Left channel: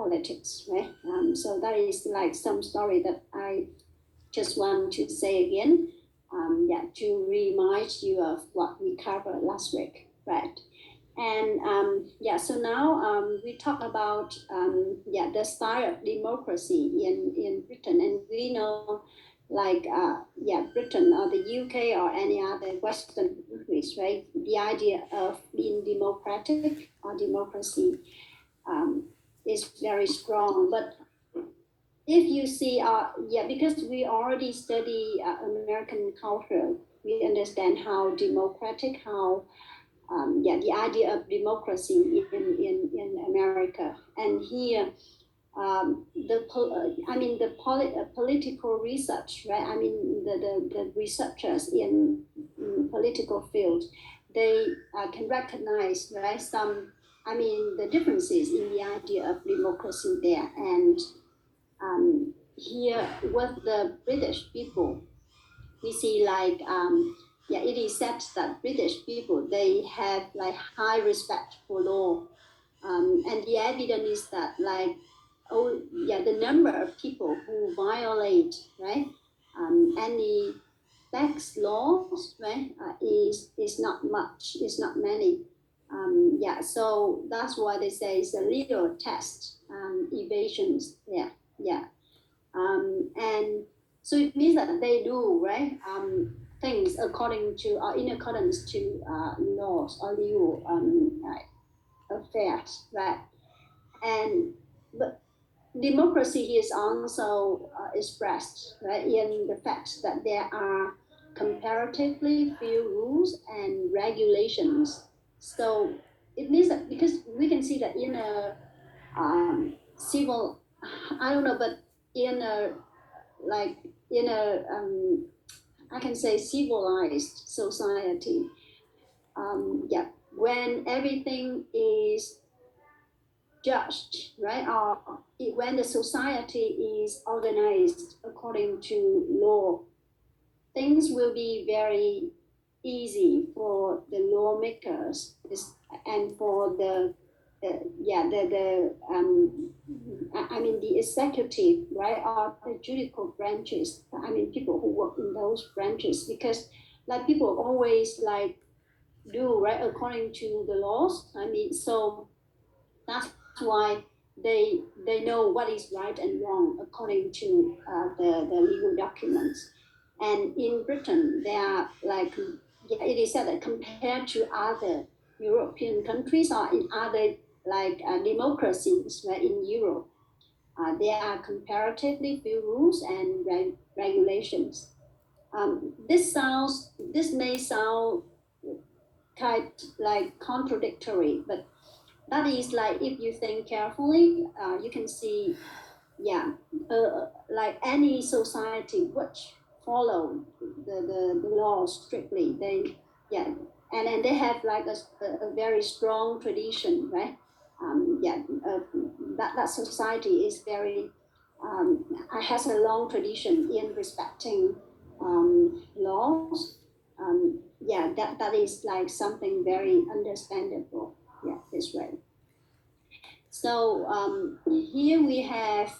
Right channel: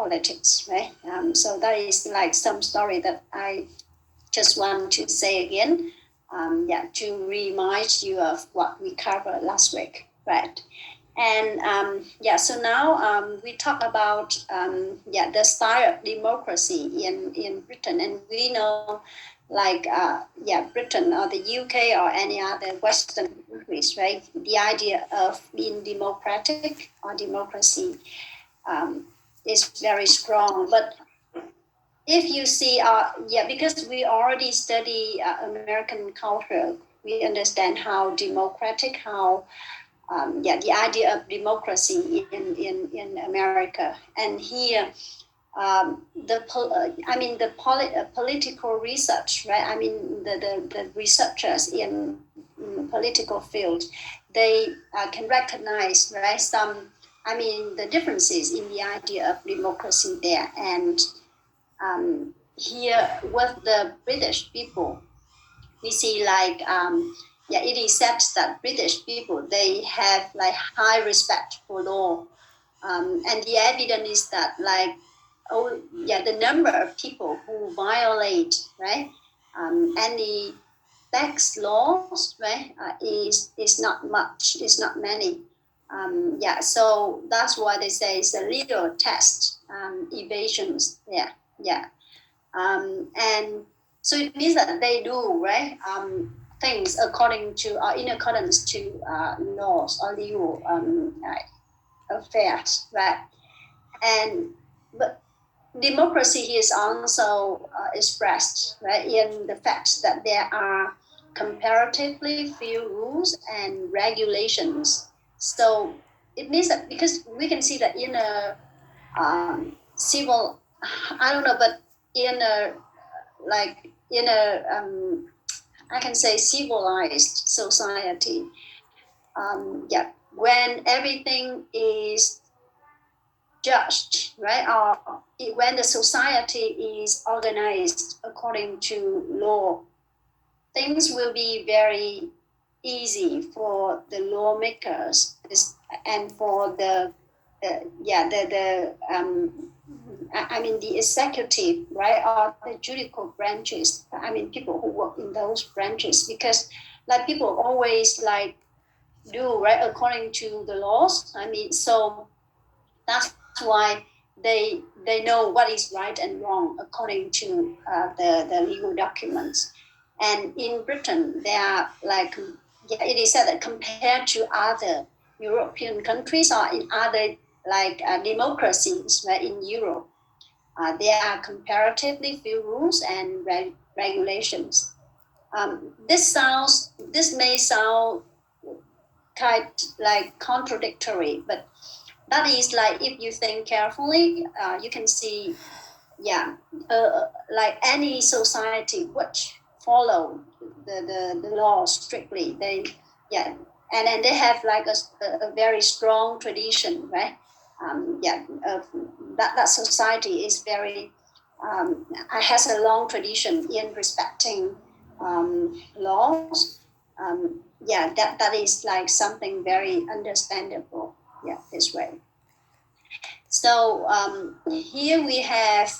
politics, right? So that is like some story that I just want to say again, to remind you of what we covered last week, right? And so now we talk about the style of democracy in Britain, and we know like Britain or the UK or any other Western countries, right? The idea of being democratic or democracy is very strong. But if you see, because we already study American culture, we understand how democratic, how the idea of democracy in America, and here political research, right? I mean the researchers in political field, they can recognize, right, the differences in the idea of democracy there. And here with the British people, we see like it is said that British people, they have like high respect for law, and the evidence is that like the number of people who violate, right, any tax laws, right, is not much, is not many. So that's why they say it's a little test, evasions. And so it means that they do, right, things according to in accordance to laws or legal affairs, right? And but democracy is also expressed, right, in the fact that there are comparatively few rules and regulations. So it means that, because we can see that in a civil, I don't know, but in a I can say civilized society, when everything is judged, right, or when the society is organized according to law, things will be very easy for the lawmakers and for the executive, right, or the judicial branches. I mean, people who work in those branches, because like people always like do, right, according to the laws. I mean, so that's why they know what is right and wrong according to the legal documents. And in Britain, they are like, it is said that compared to other European countries or in other like democracies, right, in Europe, there are comparatively few rules and regulations. This may sound kind like contradictory, but that is like, if you think carefully, you can see, like any society which follow the law strictly, and then they have like a very strong tradition, right? That society is very has a long tradition in respecting laws. That is like something very understandable. This way. So here we have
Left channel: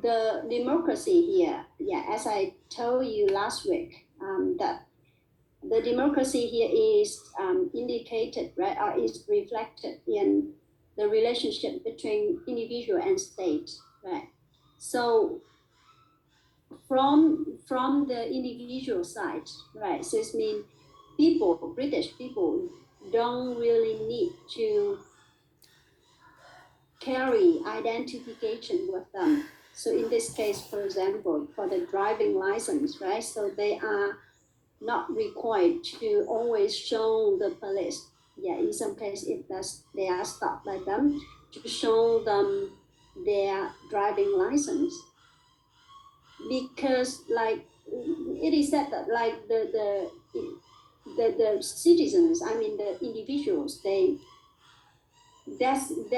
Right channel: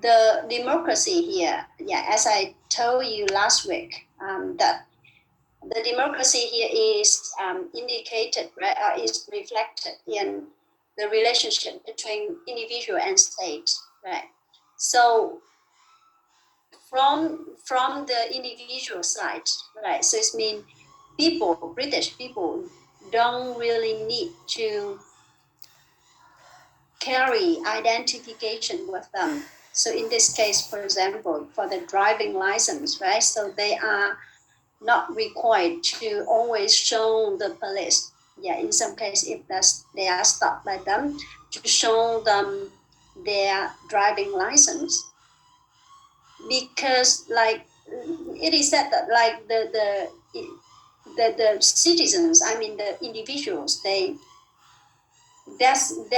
the democracy here. As I told you last week, that the democracy here is indicated, right, is reflected in the relationship between individual and state, right? So from the individual side, right? So it means British people don't really need to carry identification with them. So in this case, for example, for the driving license, right? So they are not required to always show the police. In some case, if they are stopped by them, to show them their driving license. Because like it is said that like the citizens, I mean the individuals, there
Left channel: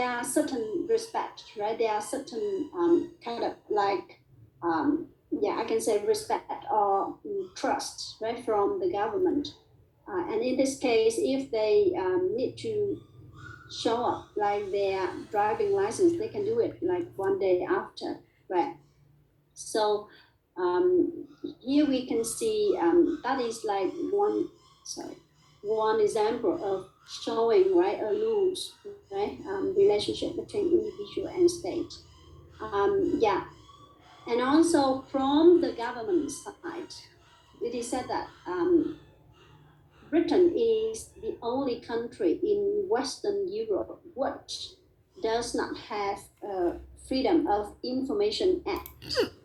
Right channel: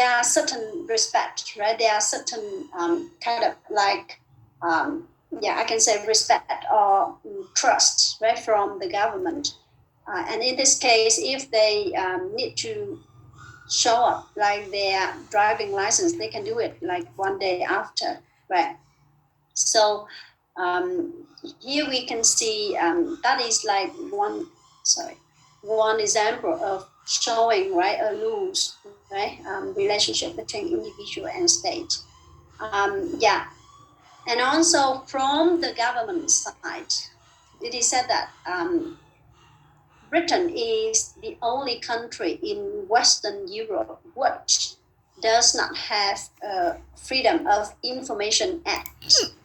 are certain respect, right? There are certain kind of like I can say respect or trust, right, from the government. And in this case, if they need to show up like their driving license, they can do it like one day after, right? So here we can see that is like one example of showing, right, a loose, right, relationship between individual and state. Yeah, and also from the government side, it is said that Britain is the only country in Western Europe which does not have a Freedom of Information Act,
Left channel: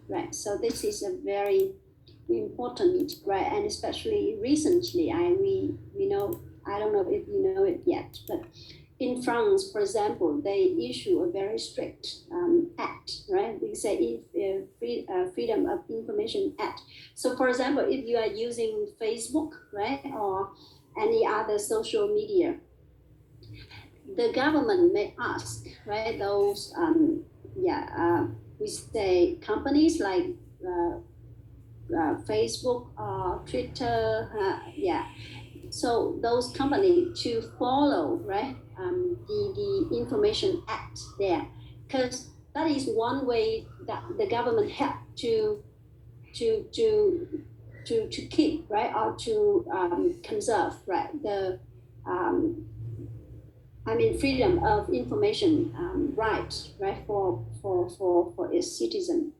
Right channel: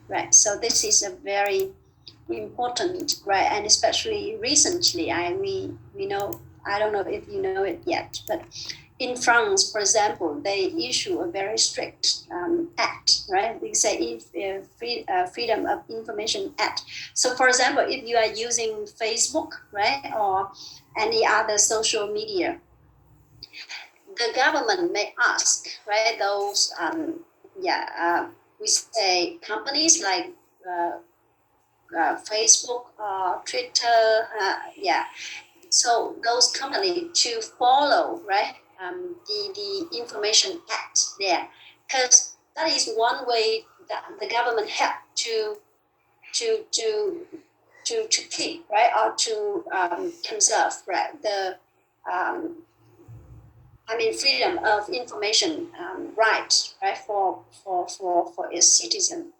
right? So this is a very important, right? And especially recently, we know, I don't know if you know it yet, but in France, for example, they issue a very strict act, right? They say Freedom of Information Act. So, for example, if you are using Facebook, right, or any other social media, the government may ask, right, those, we say companies like Facebook, Twitter, so those companies to follow, right, the Information Act there, because that is one way that the government help to keep, right, or to conserve, right, the freedom of information right for its citizen.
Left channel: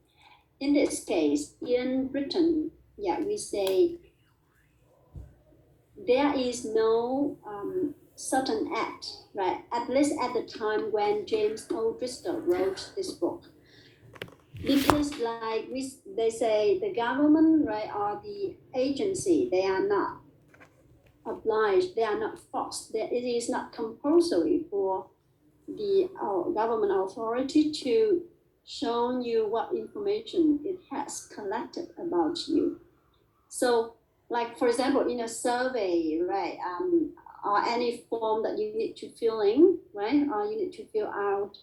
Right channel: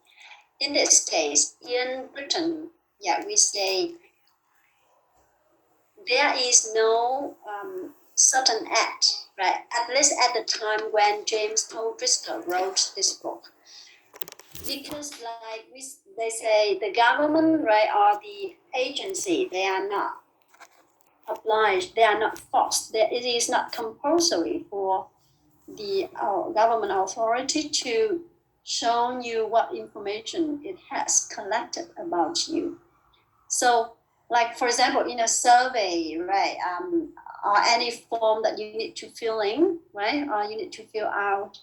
In this case, in Britain, we say there is no certain act, right? At least at the time when James O'Driscoll wrote this book, because they say the government, right, or the agency, they are not obliged, they are not forced. It is not compulsory for the government authority to show you what information it has collected about you. So, like for example, in a survey, right, or any form that you need to fill in, right, or you need to fill out,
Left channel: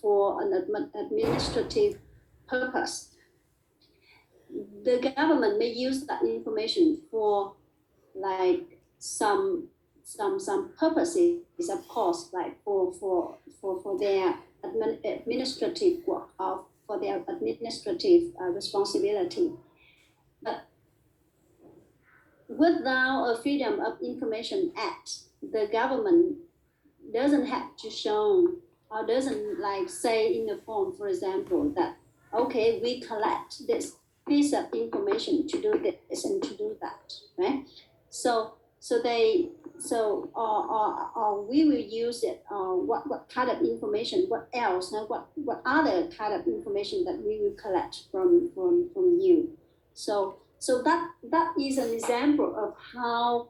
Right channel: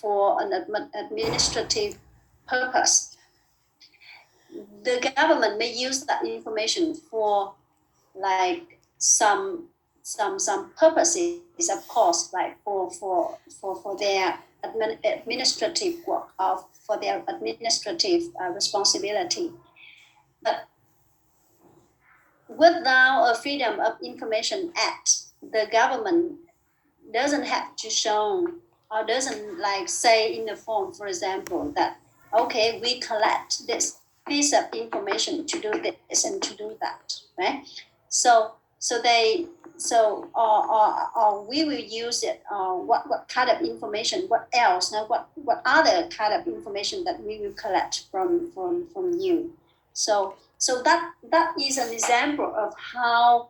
for an administrative purpose, the government may use that information for like some purposes, of course, like for their administrative work, or for their administrative responsibility. But without a Freedom of Information Act, the government doesn't have to show, or doesn't like say in the form, for example, that okay, we collect this piece of information to do this and to do that, right? So we will use it. What kind of information? What else? Now, what other kind of information that we will collect from you? So that is an example of how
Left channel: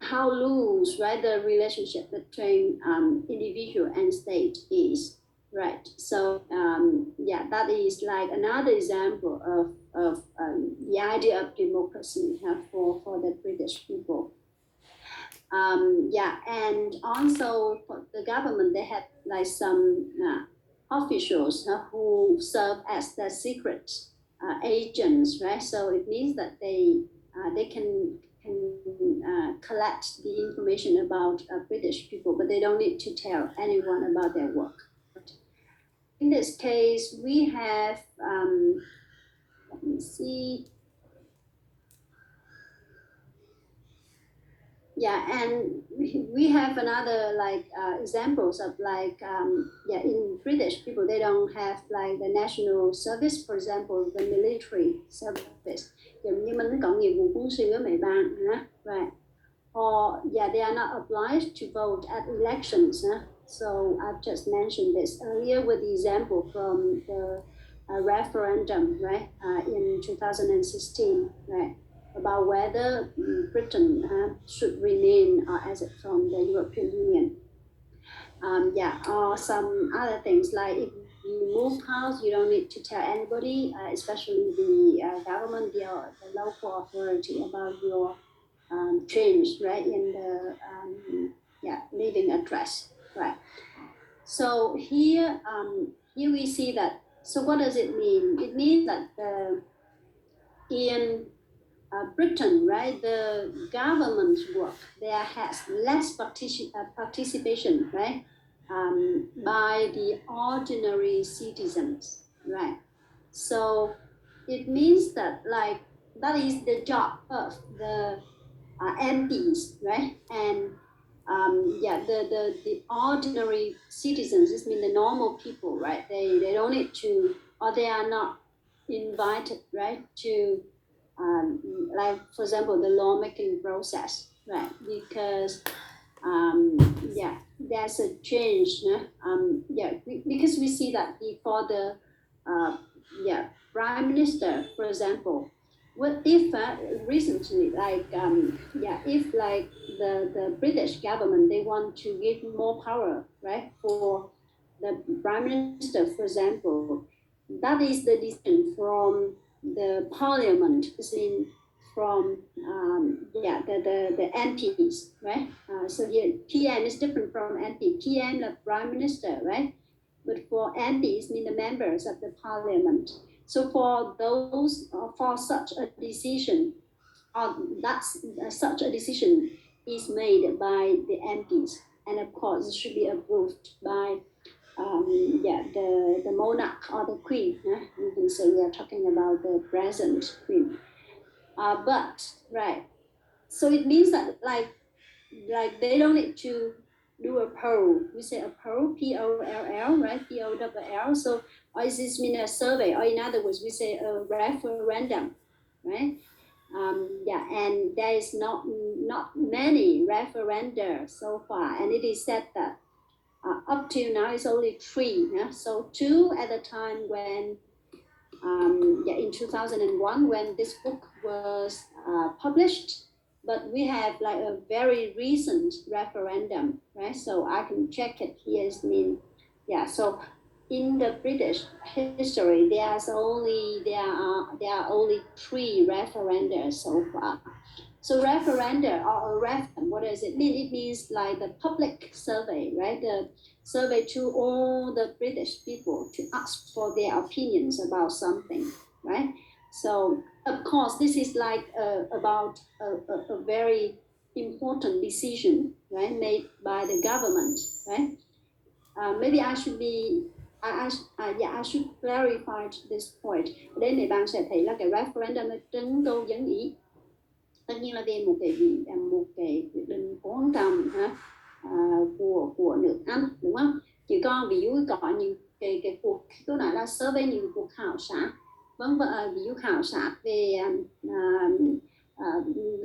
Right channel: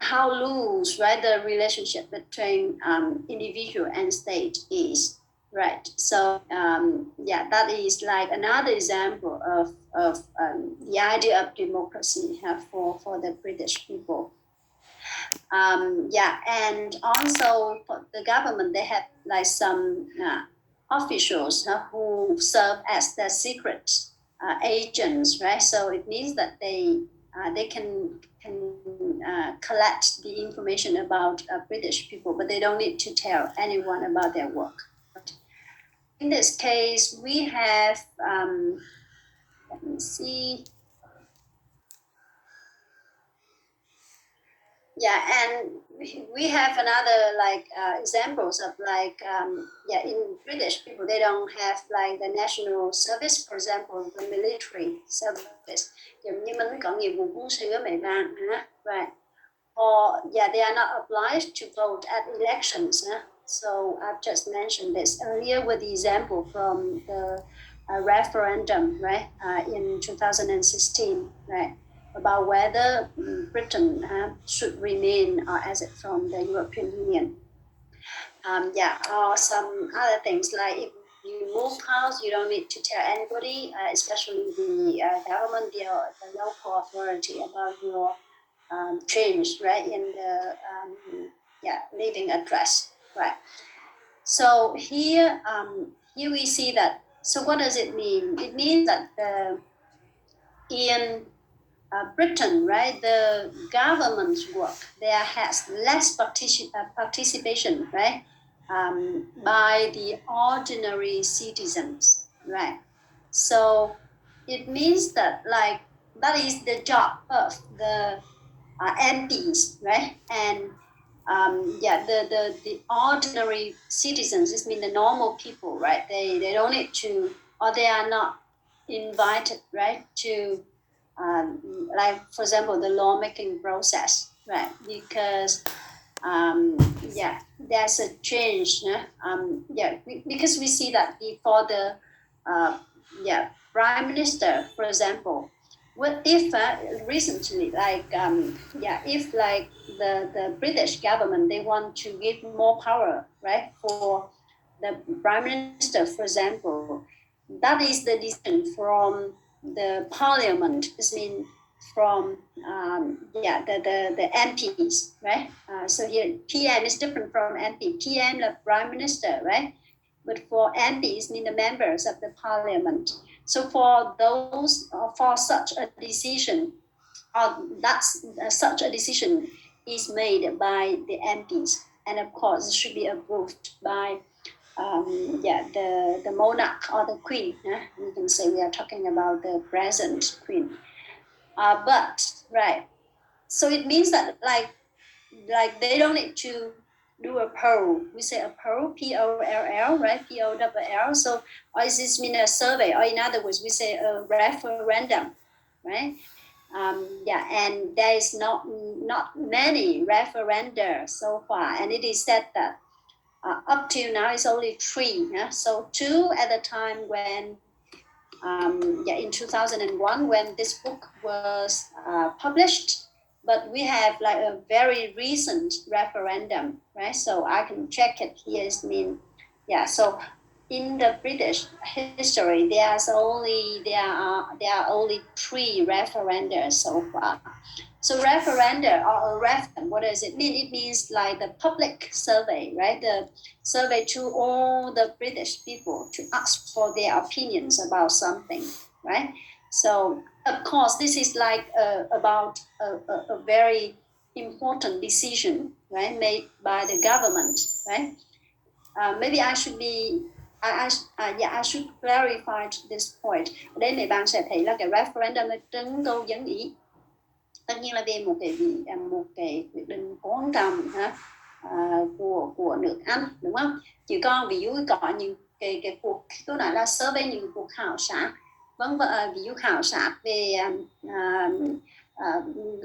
how loose, right, the relationship between individual and state is, right? So that is like another example of the idea of democracy for the British people. And also for the government, they have like some officials who serve as the secret agents, right? So it means that they can collect the information about British people, but they don't need to tell anyone about their work. In this case, we have, let me see. And we have another like examples of like in British people, they don't have like the national service, for example, the military service. Right? Or they are not obliged to vote at elections. So I've just mentioned this earlier with the example from the referendum, right, in 2016, right, about whether Britain should remain exit from the European Union. Or some other things like if you move house, you don't need to tell anybody, especially the government, the local authority, about your change, right, in the living address, right? So here we see that. So what does it mean? It means that in Britain, right, the government work there has less participation, right, by the ordinary citizens, right? So it means that like that is the job of the MPs, right? And the ordinary citizens, this means the normal people, right? They don't need to, or they are not invited, right, to like for example the lawmaking process, right? Because there's a change, because we see that before the prime minister, for example, what if recently if like the British government they want to give more power, right, for the prime minister, for example, that is the decision from the parliament. I mean, from the MPs, right? So here PM is different from MP. PM, the prime minister, right? But for MPs, mean the members of the parliament. So for those, for such a decision, such a decision is made by the MPs, and of course it should be approved by the monarch or the queen. You can say we are talking about the present queen. But right, so it means that like they don't need to do a poll. We say a poll, P-O-L-L, right? P-O-L-L. So, or is this mean a survey? Or in other words, we say a referendum, right? And there is not many referenda so far, and it is said that up till now it's only 3. So 2 at the time when in 2001 when this book was published, but we have like a very recent referendum, right? So I can check it here. It mean, so in the British history, there are only 3 referenda so far. So referenda or a referendum, what does it mean? It means like the public survey, right? The survey to all the British people to ask for their opinions about something, right? So of course, this is like about a very important decision, right, made by the government, right? Maybe I should be I should clarify this point. Ở đây mấy bạn sẽ thấy là cái referendum là trưng cầu dân ý, tất nhiên là về một cái quyết định quan trọng của nước Anh, đúng không? Chứ còn ví dụ có những cái cuộc, tôi nói là survey, những cuộc khảo sát, ví dụ khảo sát về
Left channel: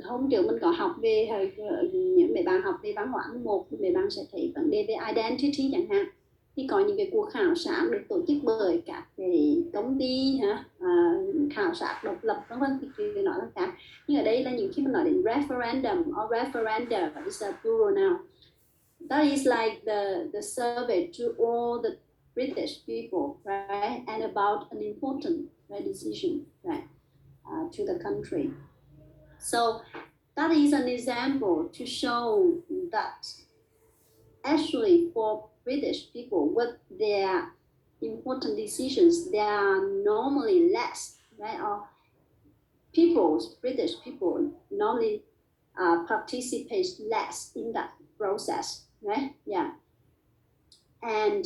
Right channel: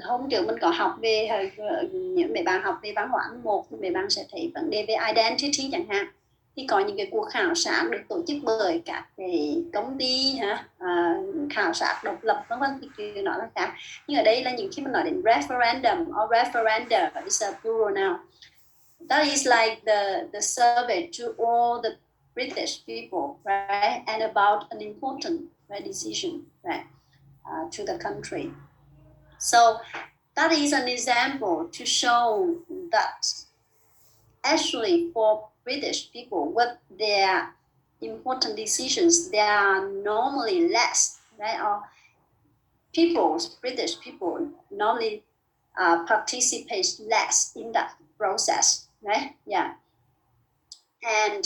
hôm trước mình có học về những mấy bạn học về văn hóa một, mấy bạn sẽ thấy vấn đề về identity chẳng hạn, thì có những cái cuộc khảo sát được tổ chức bởi các cái công ty khảo sát độc lập, vân vân, thì nó là khác. Nhưng ở đây là những khi mình nói đến referendum or referenda, is a plural now. That is like the survey to all the British people, right, and about an important decision, right, to the country. So that is an example to show that actually for British people, what their important decisions, they are normally less, right? Or British people normally participate less in that process, right? Yeah. And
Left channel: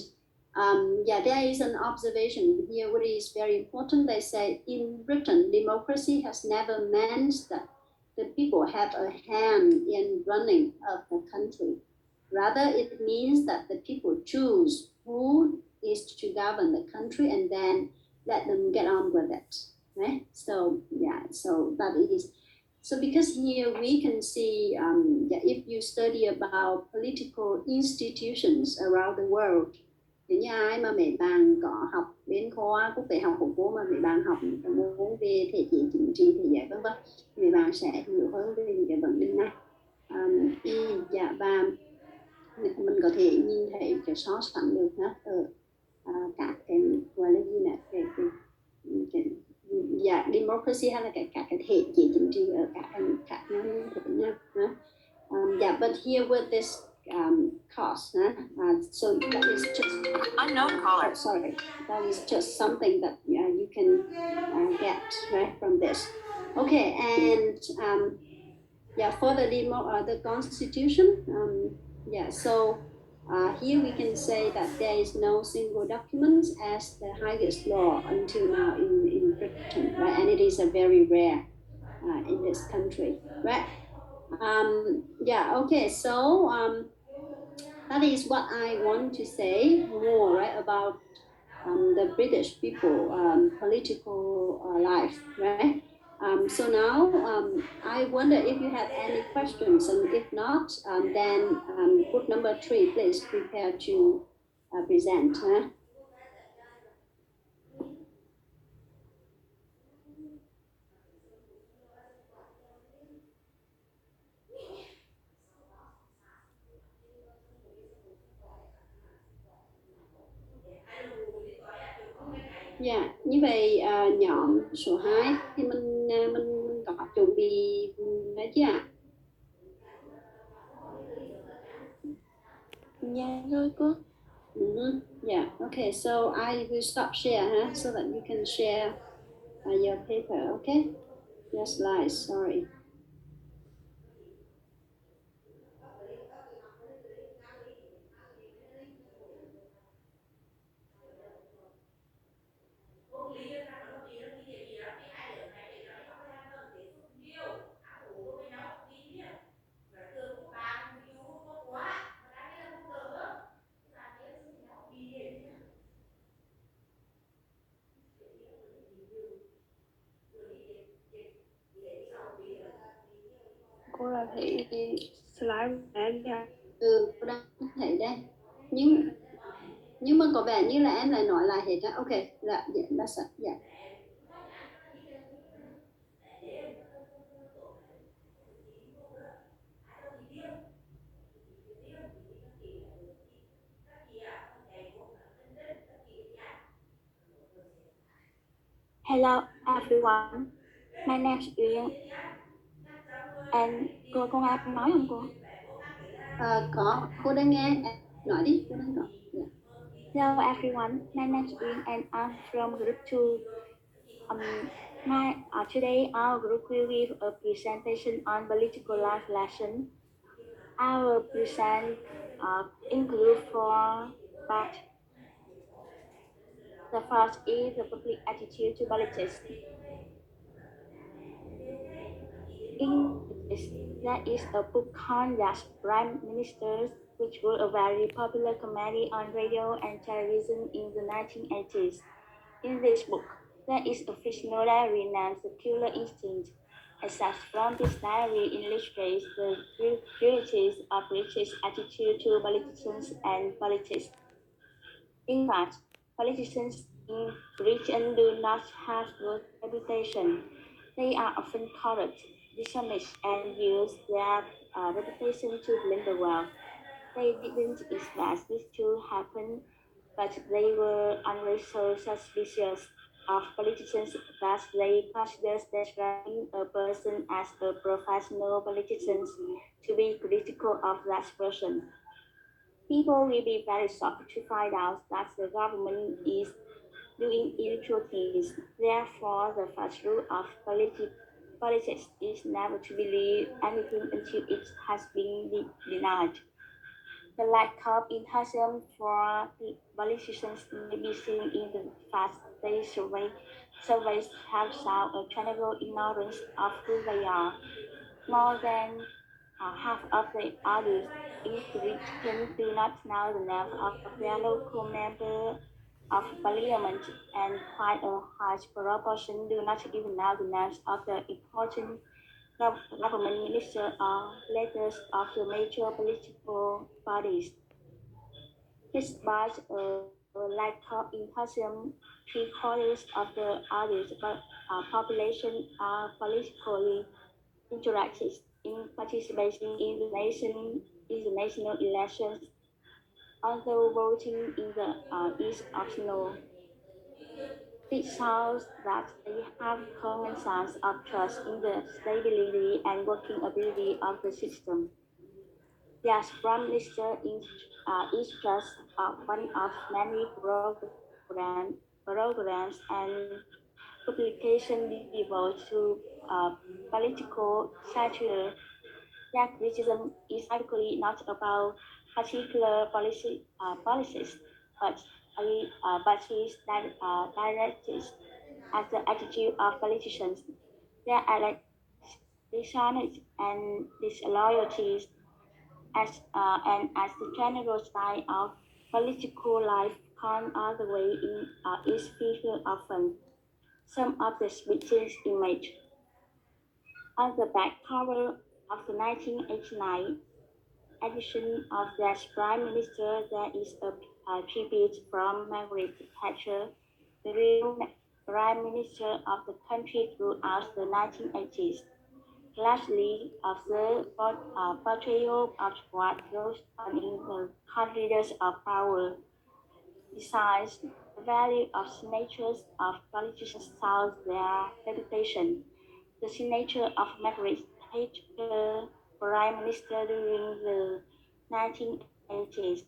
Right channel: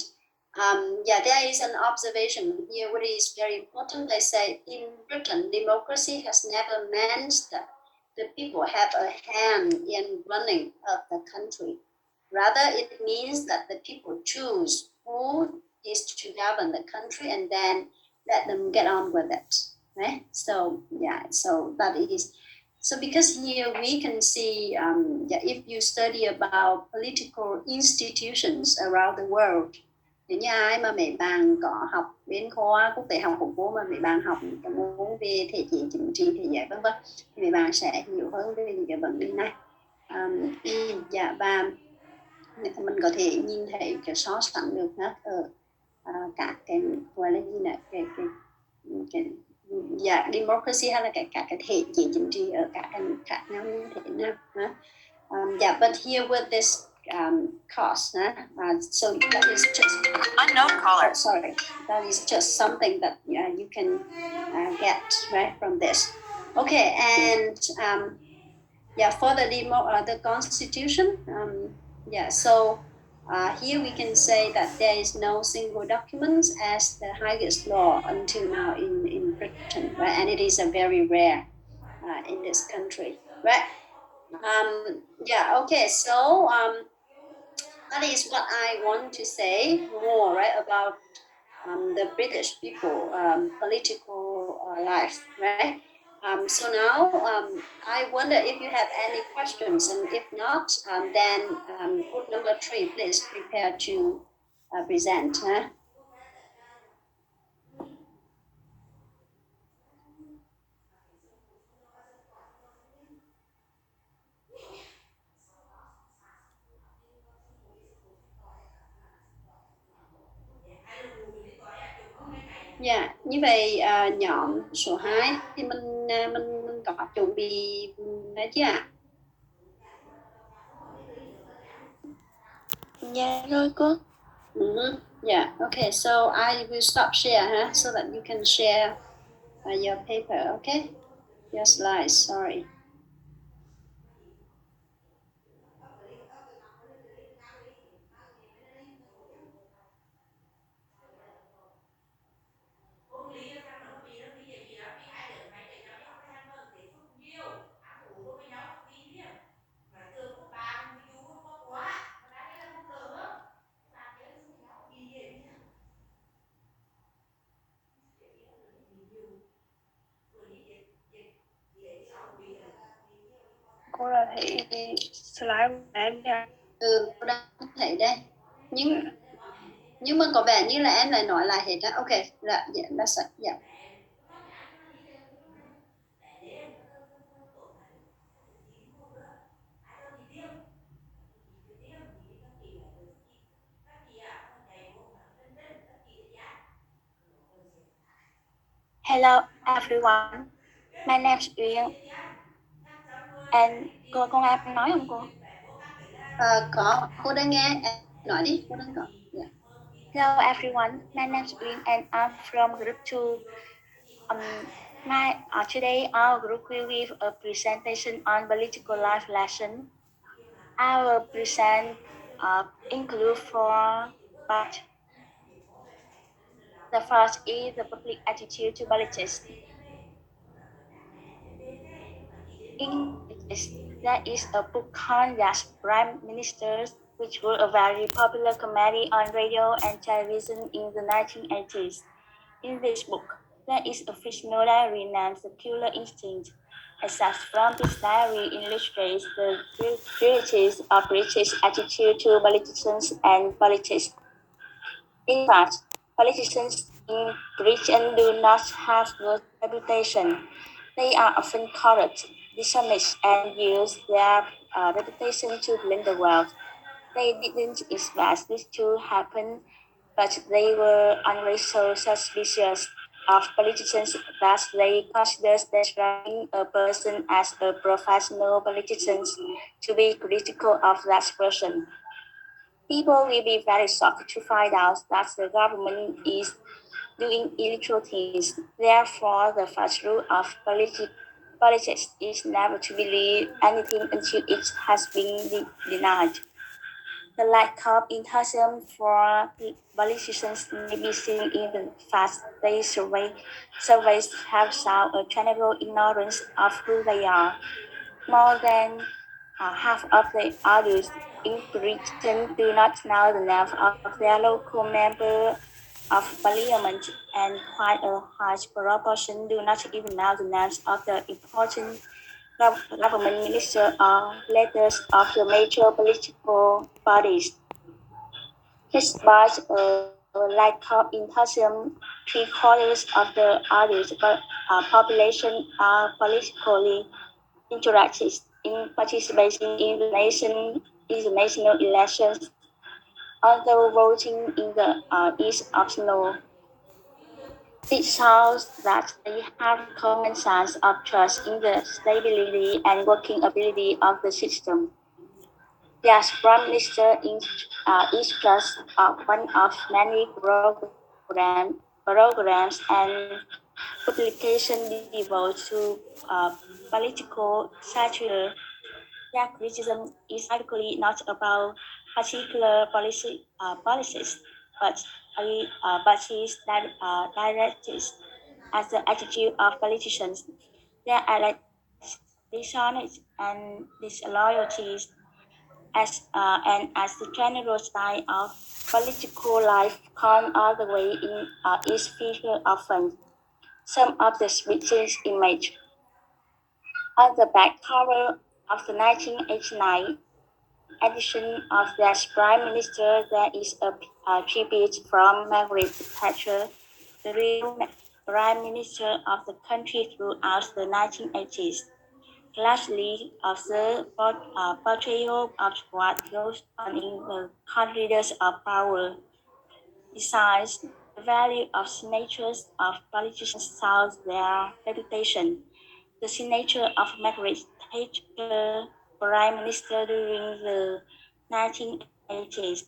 there is an observation here, what is very important. They say in Britain, democracy has never meant that the people have a hand in running of the country. Rather, it means that the people choose who is to govern the country and then let them get on with it, right? So, so that is. So because here we can see, if you study about political institutions around the world, nếu như ai mà mấy bạn có học bên khoa quốc tế học của cô, mà mấy bạn học những cái môn về thể chế chính trị, thể chế vân vân, thì mấy bạn sẽ hiểu hơn về những cái vấn đề này. Và mình có thể nhìn thấy cái so sánh được ở các cái gọi là gì này, cái democracy hay là các cái thể chế chính trị ở các cái nước khác nhau như thế nào. But here with this cost, so that is just unknown caller. Sorry, that is just something that you can get right from this. Okay, and for the Constitution, so here we can say that there is no single document as the highest law until now in Britain, right? And it is a very rare in this country, right? Okay, so that is what I want to say more, right, about the British people political life, right? So now I wonder if you have any questions, and if not, then group number 3, please prepare to present. Huh? Dạ, như vậy nhóm số 2 thì mình có chuẩn bị đấy chứ ạ? Dạ rồi cô. Yeah, okay, so I will stop share, so that you can share your paper, okay? Your slides, sorry. Cô là thấy cái slide của em nha. Cô đang thấy đây. Nhưng mà có vẻ như là em lại nói lại hết á. Okay, yeah, that's it. Yeah. Hello everyone, my name is Uyên. And cô em nói không cô? Có, cô đang nghe. Em nói đi, cô đang có. Yeah. Hello everyone, my name is Uyên and I'm from group 2. Today our group will give a presentation on political life lesson. Our present include 4 parts. The first is the public attitude to politics. In politics, there is a book called Yes, Prime Ministers, which was a very popular comedy on radio and television in the 1980s. In this book, there is a fictional diary named The Killer Instinct. Excerpts from this diary illustrates the realities of British attitude to politicians and politics. In fact, politicians in Britain do not have good reputation. They are often corrupt, dishonest, and use their reputation to blame the world. They didn't expect this to happen, but they were always so suspicious of politicians that they considered describing a person as a professional politician to be critical of that person. People will be very shocked to find out that the government is doing illegal things. Therefore, the first rule of politics is never to believe anything until it has been denied. The lack of enthusiasm for politicians may be seen in the fact they surveys have shown a general ignorance of who they are. More than half of the adults in Britain do not know the name of their local member of parliament, and quite a high proportion do not even know the names of the important government ministers or leaders of the major political parties. Despite a lack of enthusiasm, 3/4 of the adult population are politically interested in participating in the national elections, although voting is optional. This shows that they have common sense of trust in the stability and working ability of the system. Yes, Prime Minister is just one of many programs and publication devoted to political satire. That criticism is typically not about particular policies, but is directed at the attitude of politicians, their dishonest and disloyalties, and as the general style of political life gone all the way in is featured often. Some of the speeches image on the back cover of the 1989 edition of that Prime Minister, there is a tribute from Margaret Thatcher, the real Prime Minister of the country throughout the 1980s. Lastly, observe portrayal of what goes on in the corridors of power. Besides, the value of signatures of politicians tells their reputation. The signature of Margaret Thatcher, Prime Minister during the 1980s,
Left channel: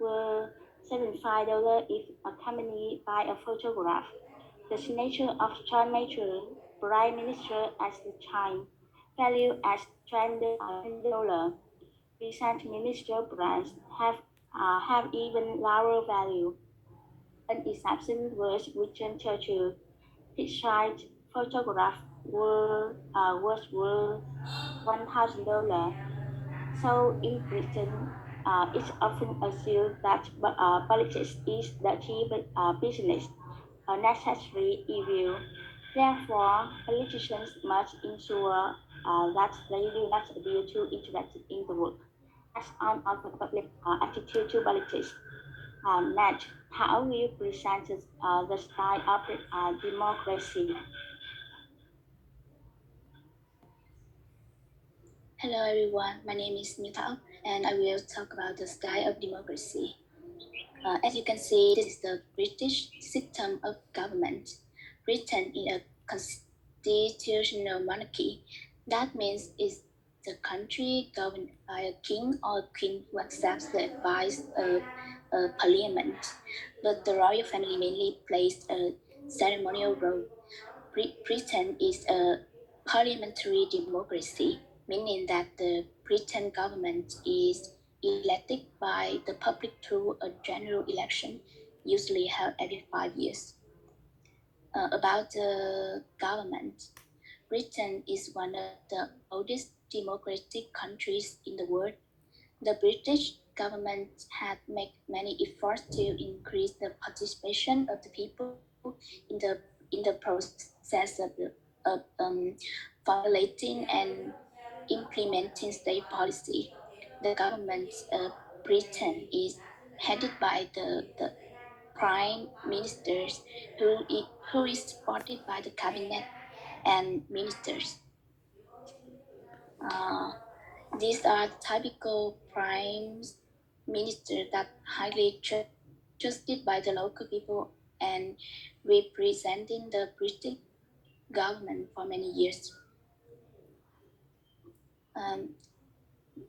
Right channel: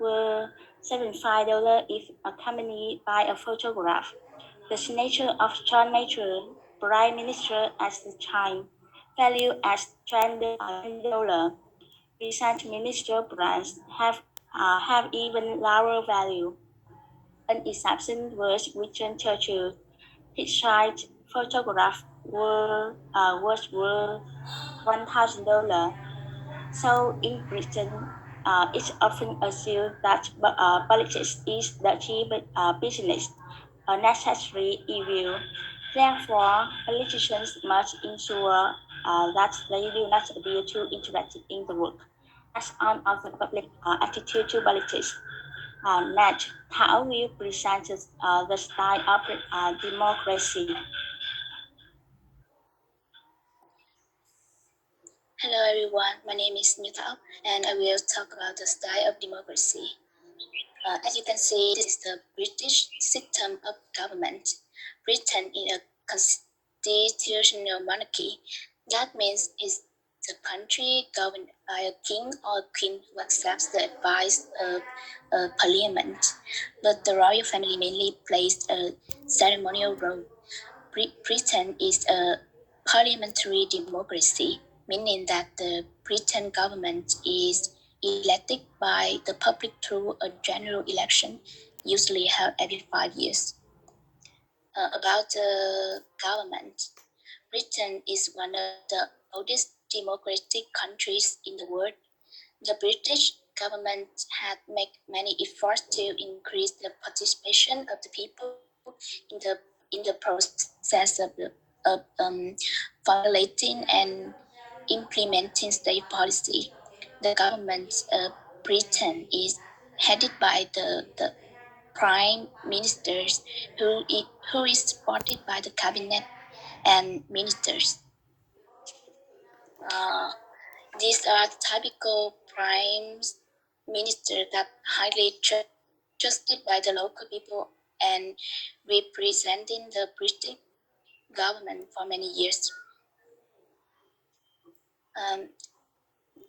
were $75 if accompanied by a photograph. The signature of John Major, Prime Minister at the time, valued at $20. Recent minister brands have even lower value. An exception was Winston Churchill. His side photograph was worth $1,000. So in Britain, it's often assumed that politics is the cheap business, a necessary evil. Therefore, politicians must ensure that they do not appear too interested in the work. That's on of the public attitude to politics. Next, how will present the style of democracy? Hello everyone, my name is Như Thảo and I will talk about the style of democracy. As you can see, this is the British system of government. Britain is a constitutional monarchy. That means it's the country governed by a king or queen who accepts the advice of a parliament. But the royal family mainly plays a ceremonial role. Britain is a parliamentary democracy, meaning that the Britain government is elected by the public through a general election, usually held every 5 years. About the government, Britain is one of the oldest democratic countries in the world. The British government had made many efforts to increase the participation of the people in the process of formulating and implementing state policy. The government of Britain is headed by the prime ministers who is supported by the cabinet and ministers. These are typical prime ministers that highly trusted by the local people and representing the British government for many years.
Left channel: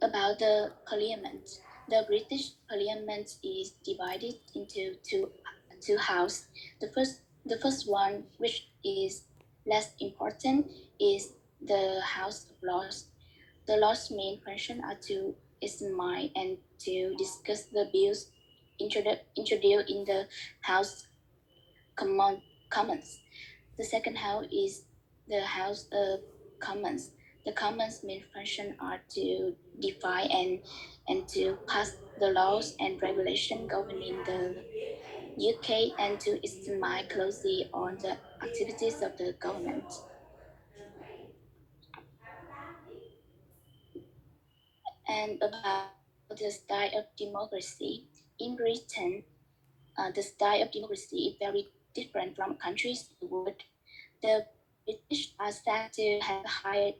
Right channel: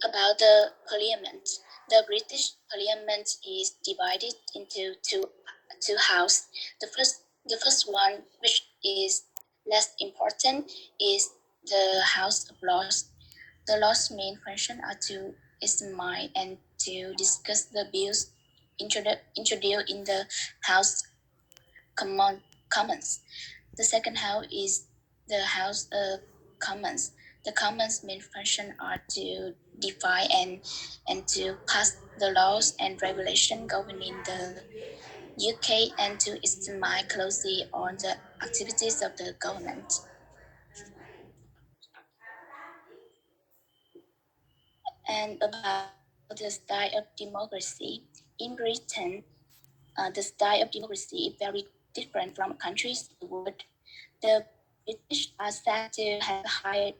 About the parliament, the British parliament is divided into two houses. The first one, which is less important, is the House of Lords. The Lords' main function are to examine and to discuss the bills introduced in the House Commons. The second house is the House of Commons. The Commons' main function are to define and to pass the laws and regulations governing the UK and to examine closely on the activities of the government. And about the style of democracy, in Britain, the style of democracy is very different from countries in the world. The British are said to have high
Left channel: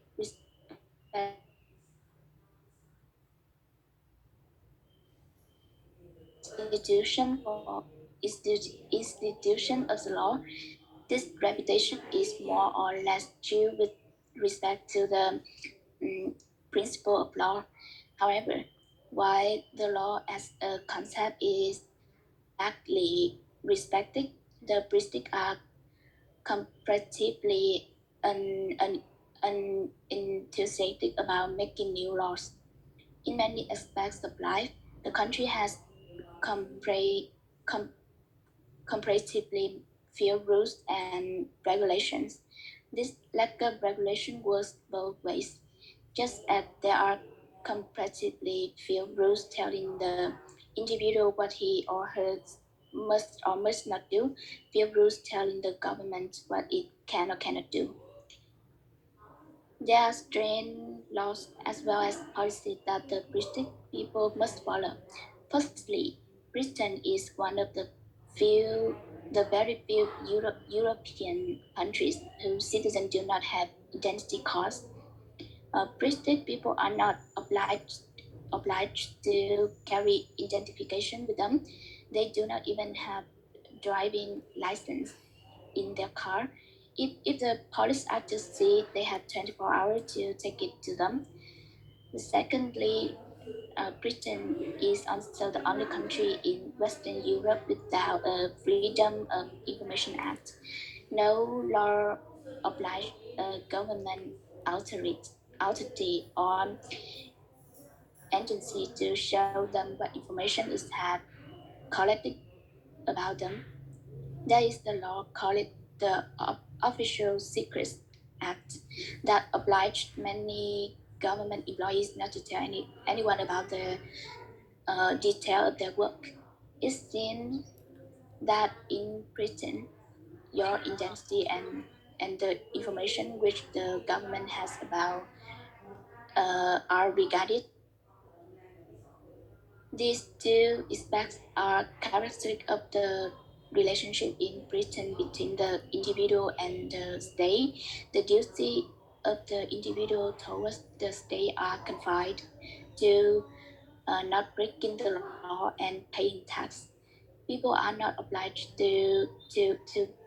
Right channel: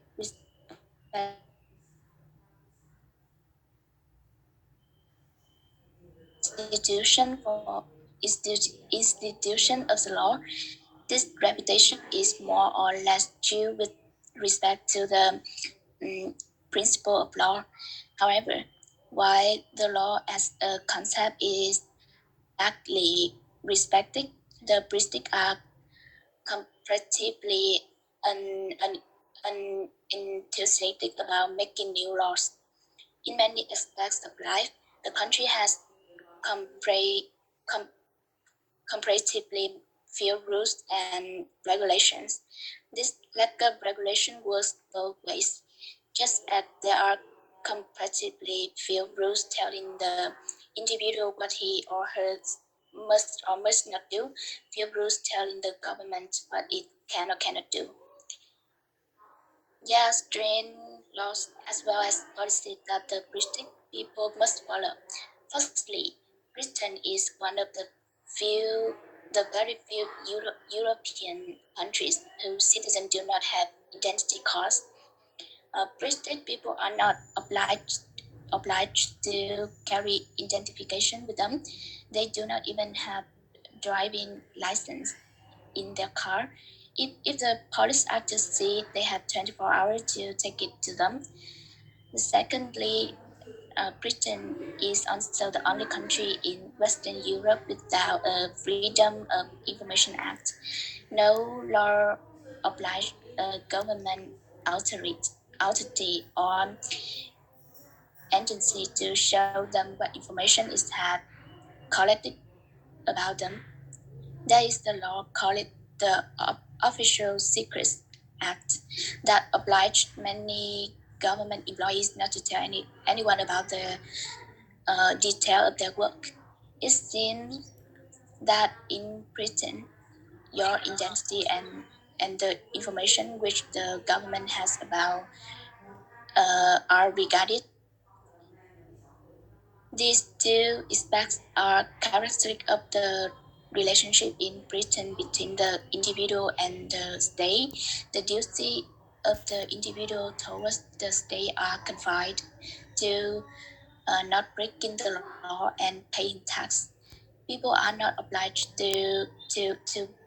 institution for institution of the law. This reputation is more or less due with respect to the principle of law. However, while the law as a concept is badly respected, the British are comparatively unenthusiastic about making new laws. In many aspects of life, the country has comparatively few rules and regulations. This lack of regulation works both ways. Just as there are comparatively few rules telling the individual what he or her must or must not do, few rules telling the government what it can or cannot do. There are stringent laws as well as policies that the British people must follow. Firstly, Britain is one of the very few European countries whose citizens do not have identity cards. British people are not obliged to carry identification with them. They do not even have driving license in their car. If the police officers see, they have 24 hours to take it to them. Secondly, Britain is also the only country in Western Europe without a Freedom of Information Act. No law obliges a government authority or agency to show them what information is have collected about them. There is the law called the Official Secrets Act that obliged many government employees not to tell anyone about the detail of their work. It seems that in Britain, your identity and the information which the government has about are regarded. These two aspects are characteristic of the relationship in Britain between the individual and the state. The duty of the individual towards the state are confined to not breaking the law and paying tax. People are not obliged to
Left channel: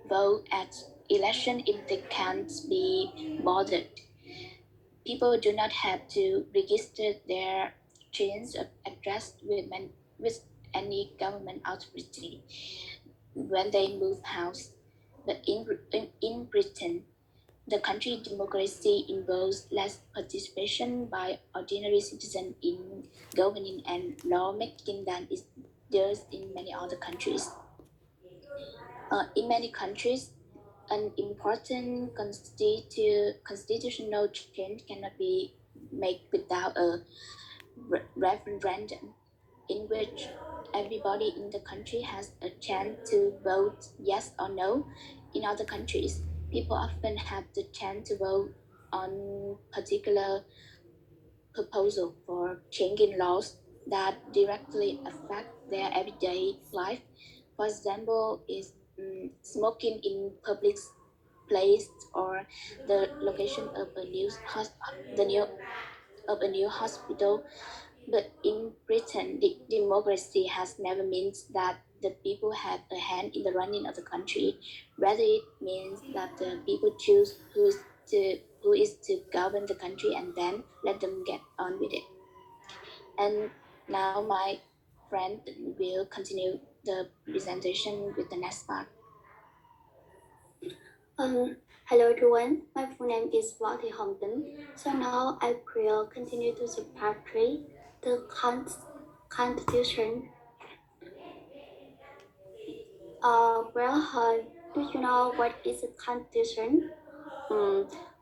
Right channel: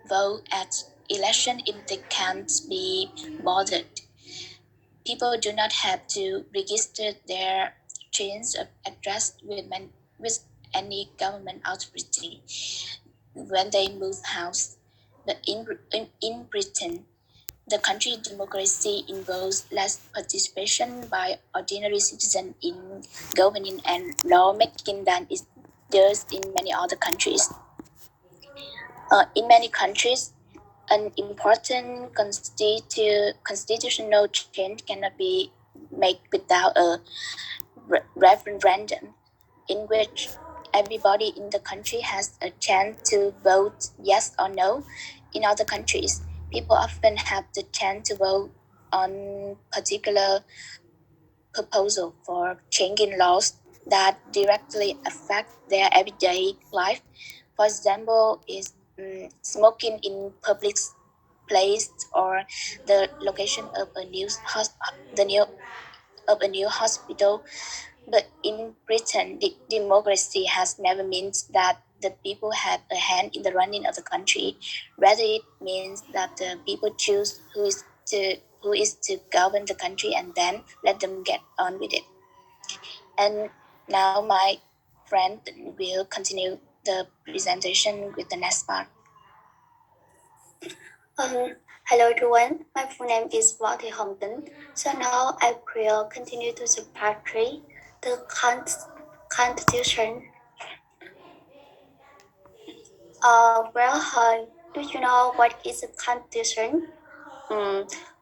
vote at election if they can't be bothered. People do not have to register their change of address with any government authority when they move house. But in Britain, the country democracy involves less participation by ordinary citizens in governing and lawmaking than it does in many other countries. In many countries, an important constitutional change cannot be made without a referendum in which everybody in the country has a chance to vote yes or no. In other countries, people often have the chance to vote on particular proposal for changing laws that directly affect their everyday life. For example, is smoking in public place or the location of a new hospital. But in Britain, the democracy has never meant that the people have a hand in the running of the country. Rather, it means that the people choose who is to govern the country and then let them get on with it. And now my friend will continue the presentation with the next part. Hello everyone, my full name is Walter Hongden. So now I will continue to the part 3, the Constitution. Do you know what is a Constitution?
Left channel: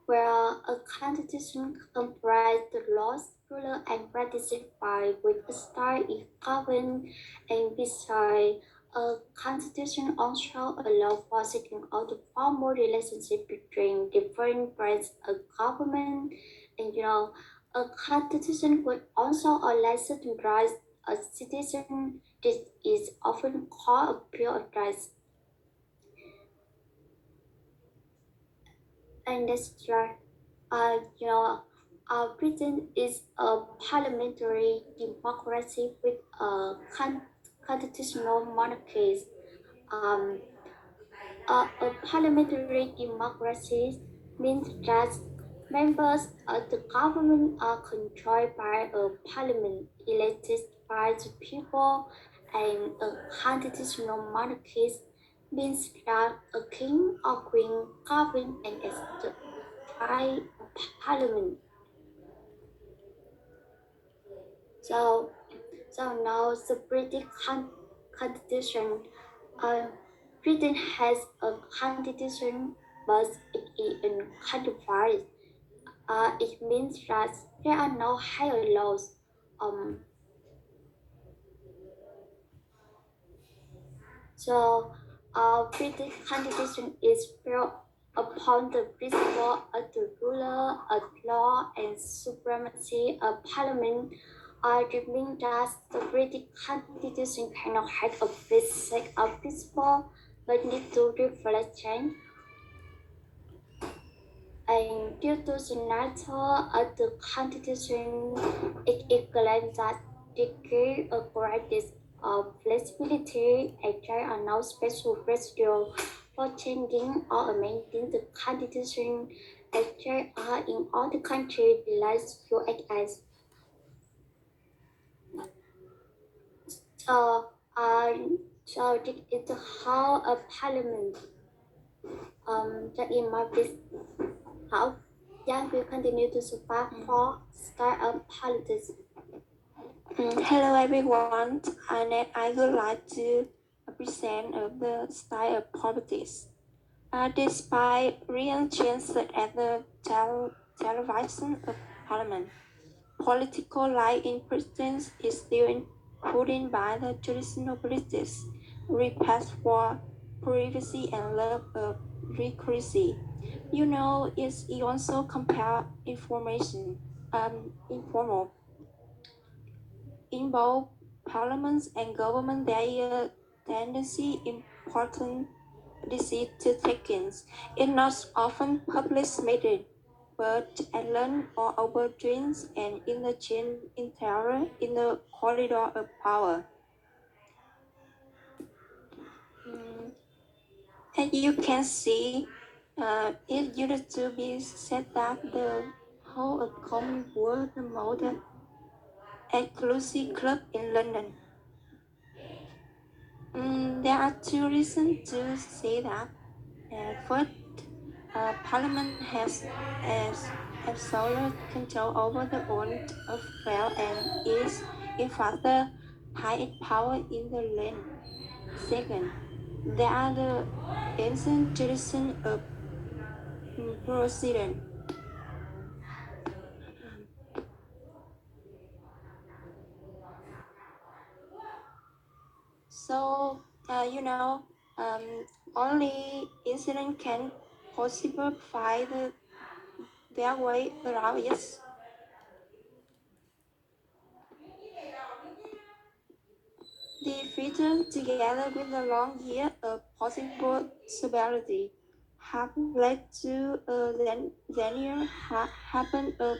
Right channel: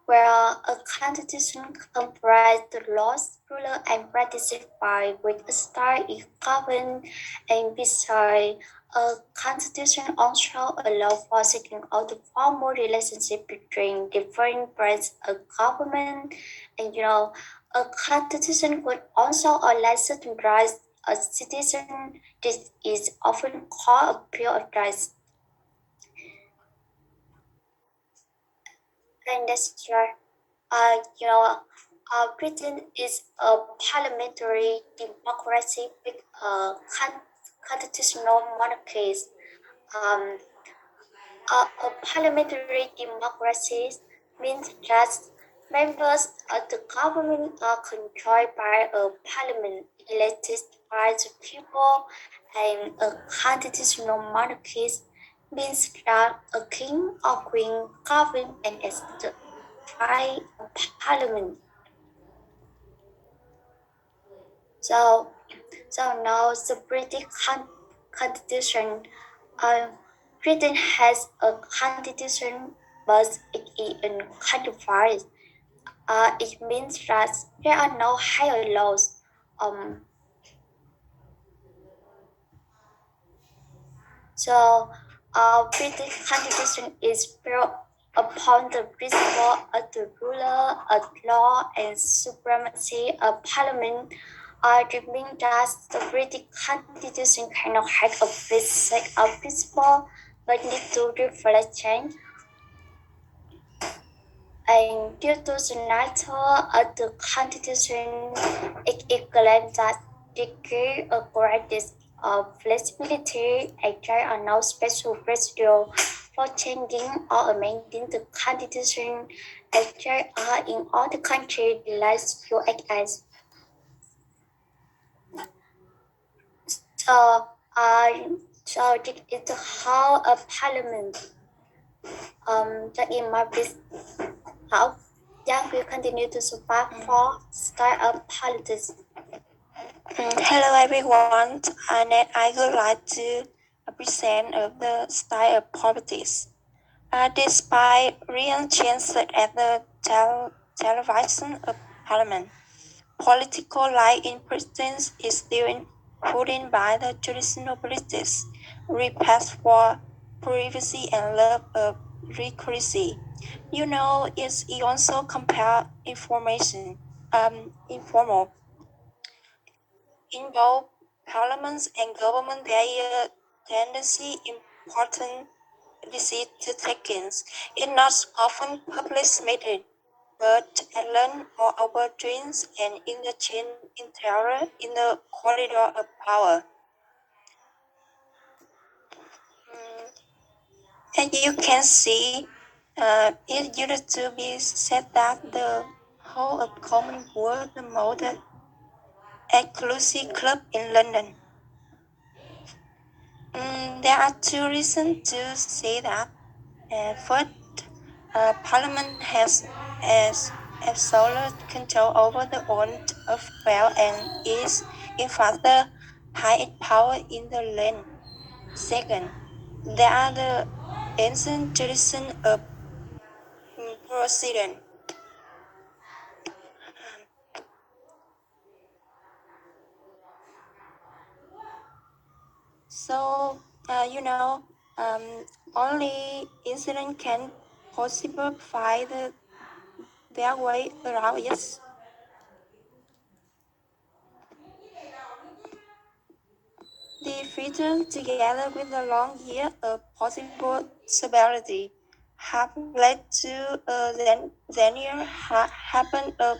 Where a Constitution comprises the laws, rules, and practices by which a state is governed, and besides, a constitution also allows for seeking out the formal relationship between different branches of government. And a constitution could also allow certain rights a citizen. This is often called a Bill of Rights. And that's right. Britain is a parliamentary democracy with a constitutional monarchy. A parliamentary democracy means that members of the government are controlled by a parliament elected by the people, and a constitutional monarchy means that a king or queen govern and by a parliament. So, now the British Constitution. Uh, Britain has a constitution, but it is uncodified. It means that there are no higher laws. Um, so, British Constitution is built upon the principle of the ruler of law and supremacy of Parliament. It means that the British Constitution cannot have a basic principle, but need to reflect change. And due to the nature of the Constitution, it is claimed that degree of greatest of flexibility and there are no special procedure for changing or amending the Constitution as there are in all the countries less US. So, so this is how a parliament that in my business how Yang will continue to support for start of politics. Hello everyone, and I would like to present the style of politics. Despite recent changes at the television of Parliament, political life in Britain is still influenced by the traditional politics, respect for privacy and love of secrecy. It's also compare informal. In both parliaments and government, there is tendency important decisions is not often public meeting, but at lunch or over drinks and in the chain interior in the corridor of power. And you can see, it used to be said that the whole of Common was the most exclusive club in London. There are two reasons to say that. First, Parliament has absolute control over the own affairs and is, in fact, the highest power in the land. Second, there are the ancient tradition of precedent. So, only incident can possibly find their way around it. The freedom, together with the long year of possible severity, have led to a linear happen of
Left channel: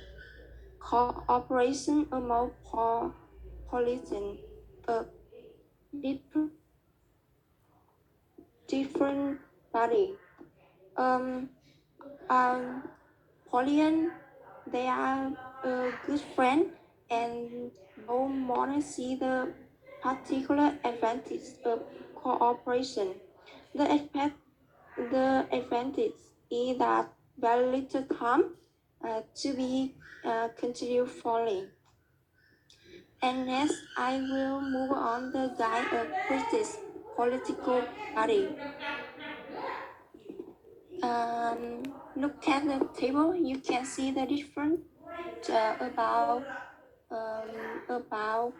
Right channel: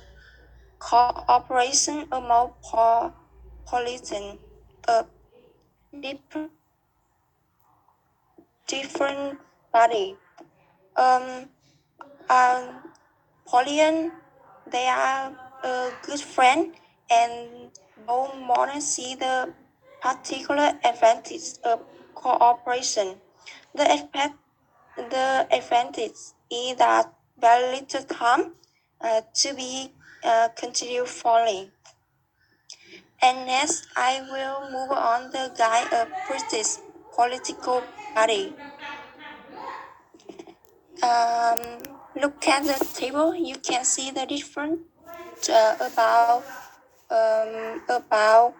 cooperation among politicians of different parties. Um, Polian, they are a good friend, and both more see the particular advantage of cooperation. The advantage is that very little time to be continued fully. And next, I will move on the guide of British political party. Look at the table. You can see the difference about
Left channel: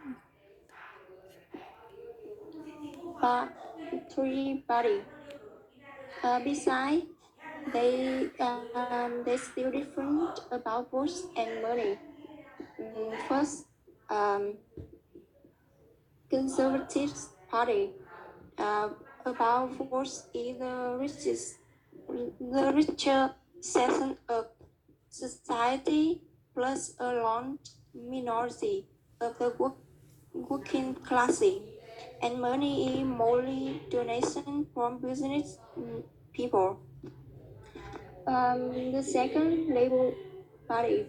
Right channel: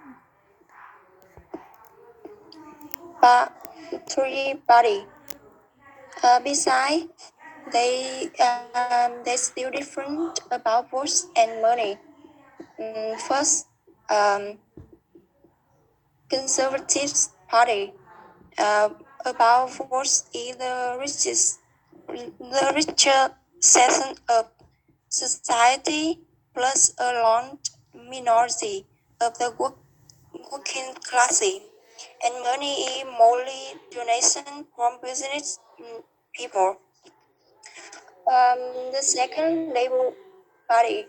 three body. Besides, they still different about votes and money. First, Conservative Party about votes is the richer section of society plus a large minority of the working class, and money is mostly donation from business people. The second Labour Party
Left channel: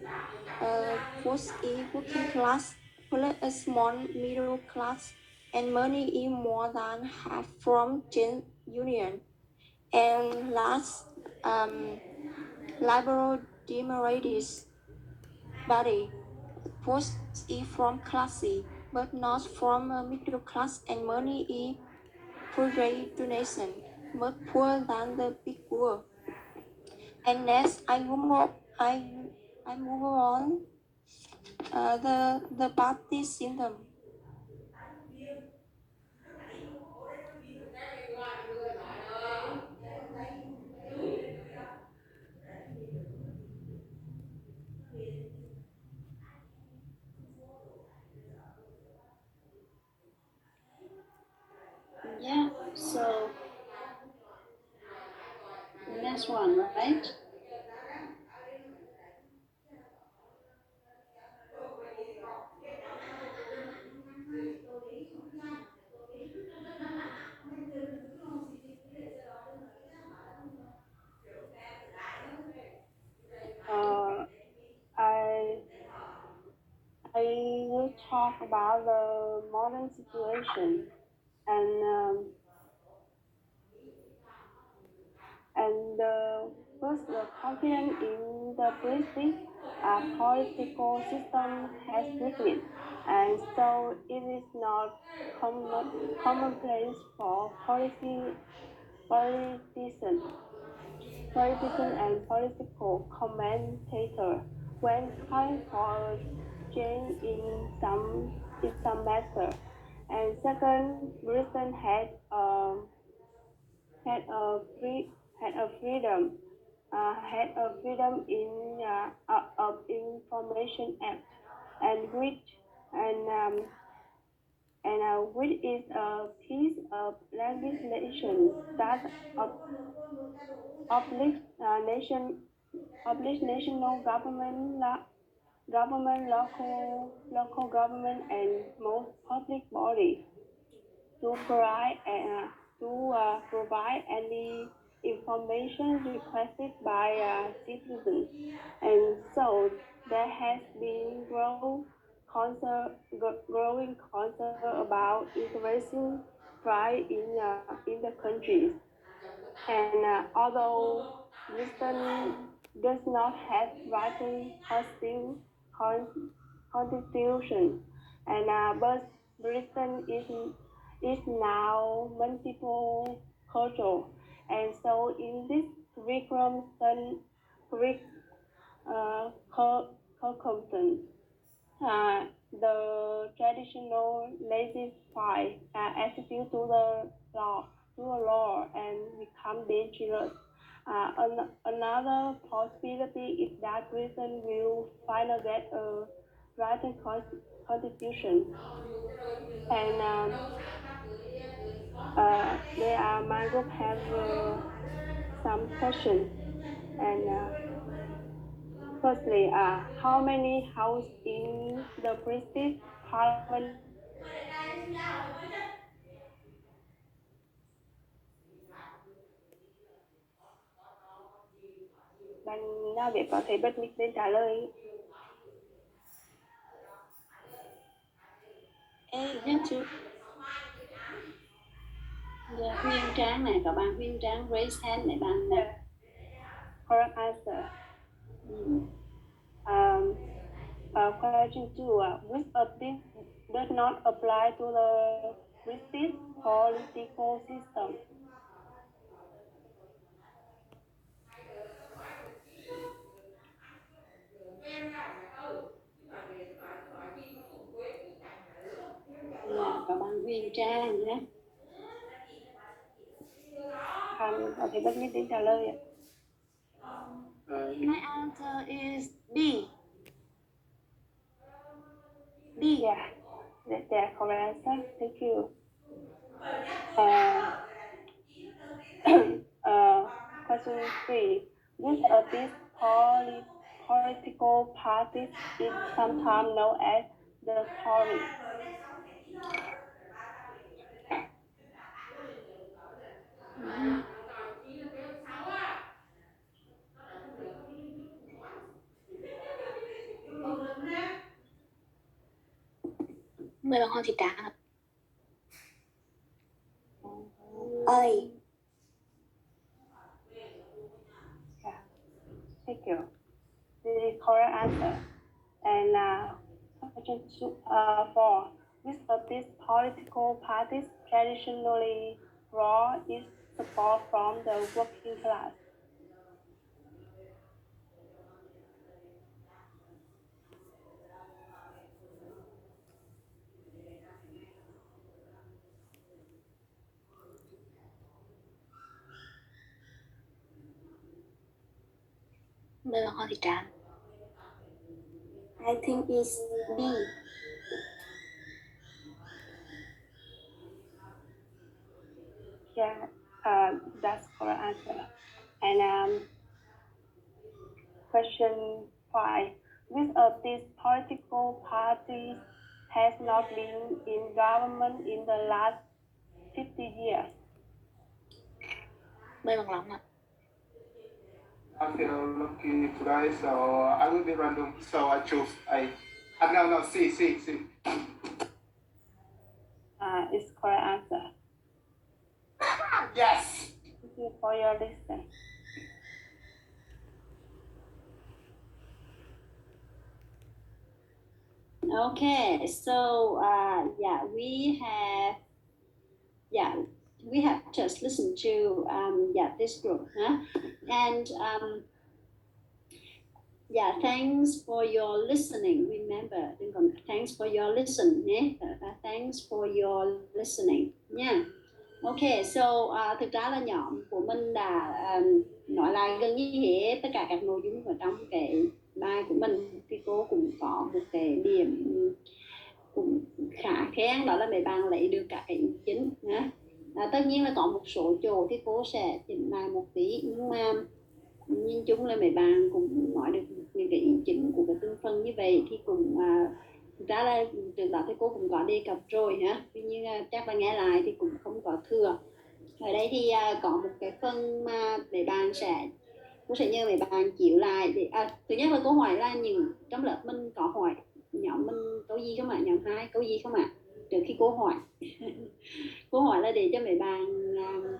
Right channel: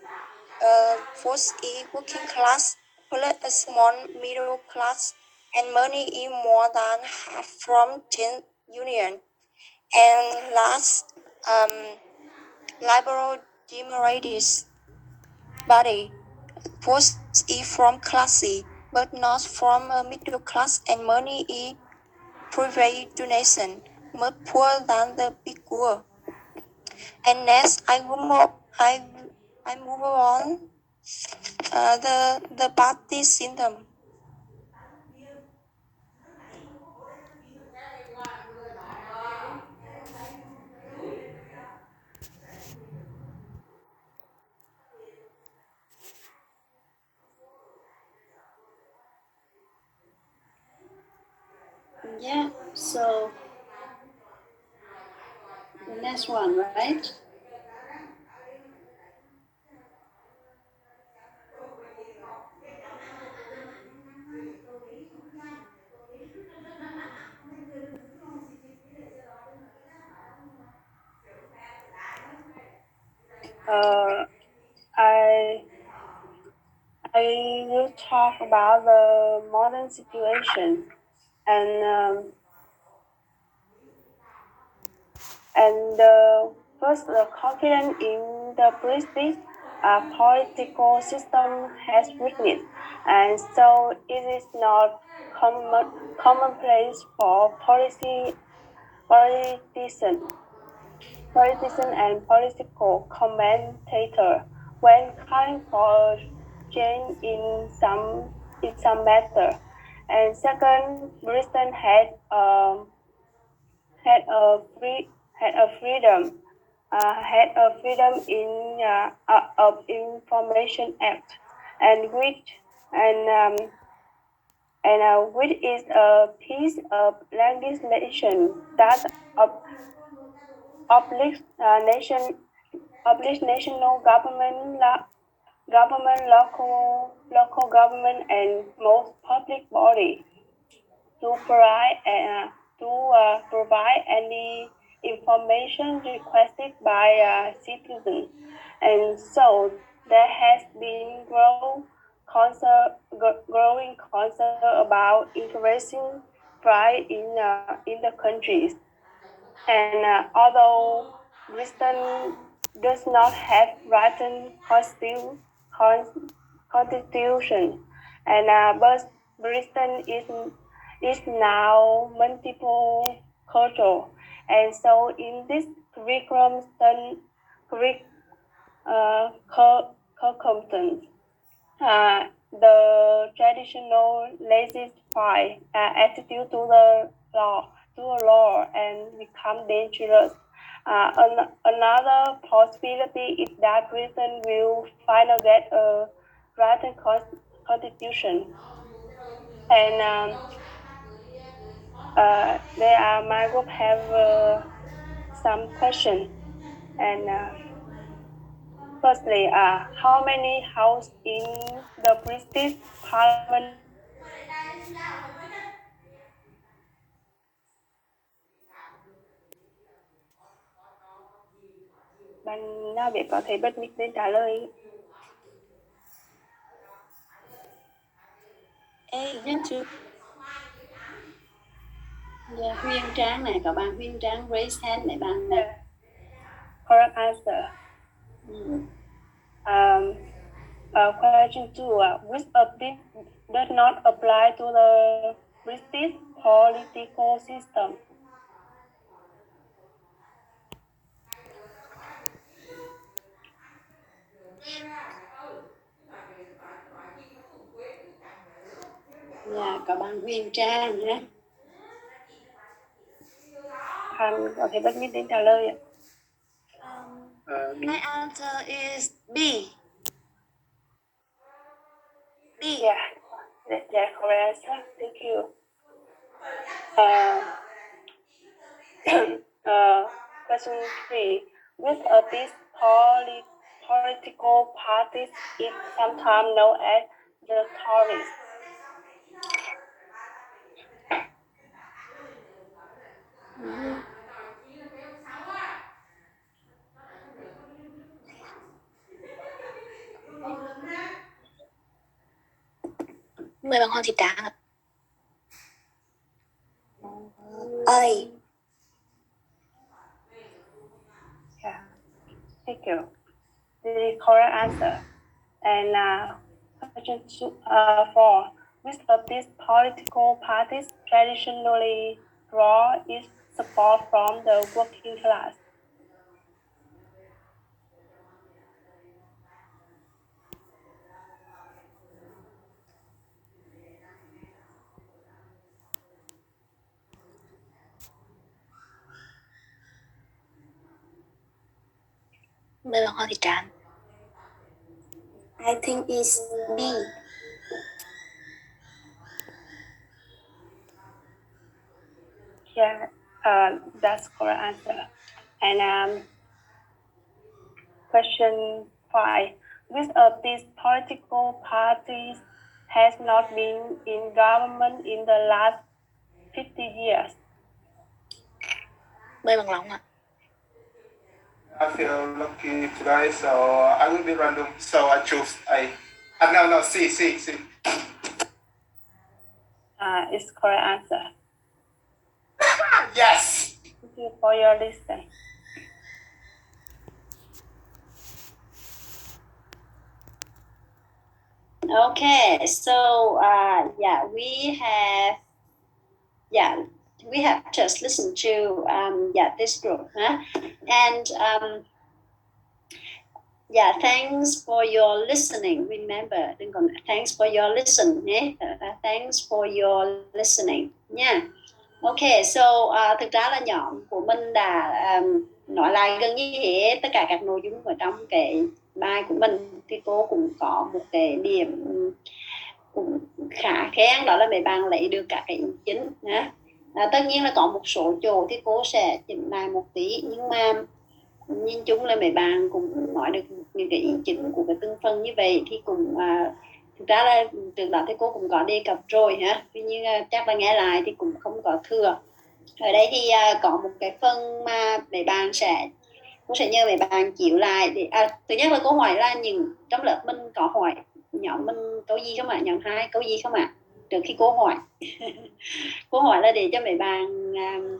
votes is working class plus a small middle class, and money is more than half from Union. And last, Liberal Democratic Party was from classy, but not from a middle class, and money is private donation, much poorer than the big poor. And next, I move on the party system. Yeah, so the next one, right? Uh, I I will talk about the modern situation and first the confidence in the British political system has weakened, and so it is not commonplace for politician and political commentator when calling for change in some matter. And second, Britain had a free had a freedom in of information act, and and which is a piece of legislation that obliges national government, local government, and most public body to provide any information requested by citizens, and so there has been growing concern about increasing pride in the countries. And although Britain does not have written constitution, and but Britain is now multiple cultural, and so in this curriculum, circumstance, the traditional laissez-faire attitude to the law and become dangerous. Another possibility is that Britain will finally get a written constitution. And my group have some questions. And firstly, how many houses in the British Parliament? Ban Na Việt có thể bất mít đến trả lời. Nhất chưa? Yeah, Huyên Trang này, các bạn Huyên Trang raise hand này bạn này. Correct answer. Question 2. Which of these does not apply to the British political system? Là các bạn Huyên Trang nhé. Hằng có thể bất mít đến trả lời ạ. My answer is B. B. Yeah, that's correct answer. Thank you. Question 3. Which of these political parties is sometimes known as the Tories? Mời bạn Hoàng Thị Tráng ạ. A. Thank you. This is correct answer. And question 4. Which of these political parties traditionally draw its support from the working class? Mời bạn Hoàng Thị Trạm. I think it's B. Yeah, that's correct answer. And question 5. Which of these political parties has not been in government in the last 50 years? Mời bạn Long ạ. I feel lucky today, so I will be random. So I choose A. No, C. It's correct answer. Yes! Thank you for your listen. Okay, so we have just listened to this group, and thanks for your listening. Remember, thanks for your listening, thanks for your listening nha. Okay, so thực ra là nhóm của mình đã nói lại gần như hết tất cả các nội dung ở trong cái bài của mình, thì cô cũng có một cái điểm cũng khá khen, đó là mấy bạn lấy được các cái ý chính. Tất nhiên là có một số chỗ thì cô sẽ chỉnh lại một tí, nhưng mà nhìn chung là mấy bạn cũng nói được những cái ý chính của cái từng phần như vậy, thì cũng thực ra là trước đó thì cô cũng có đề cập rồi tuy nhiên chắc là nghe lại thì cũng không có thừa. Ở đây thì có một cái phần mà mấy bạn cô sẽ nhờ mấy bạn chịu lại để thứ nhất là câu hỏi là những trong lớp mình có hỏi nhóm mình câu gì không ạ, nhóm 2 câu gì không ạ, trước khi cô hỏi. Cô hỏi là để cho mấy bạn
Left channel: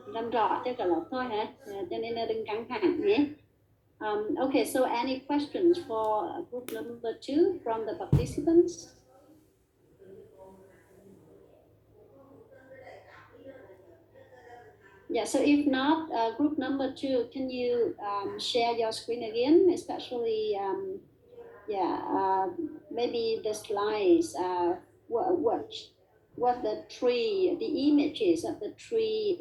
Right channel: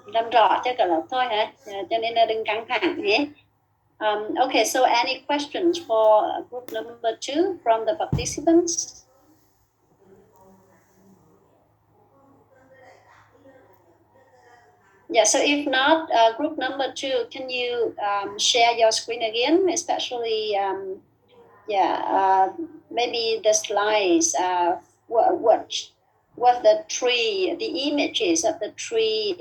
làm rõ cho cả lớp thôi cho nên là đừng căng thẳng nhé. Okay, so any questions for group number 2 from the participants? Yeah, so if not, group number 2, can you share your screen again, especially, maybe the slides, what the images of the three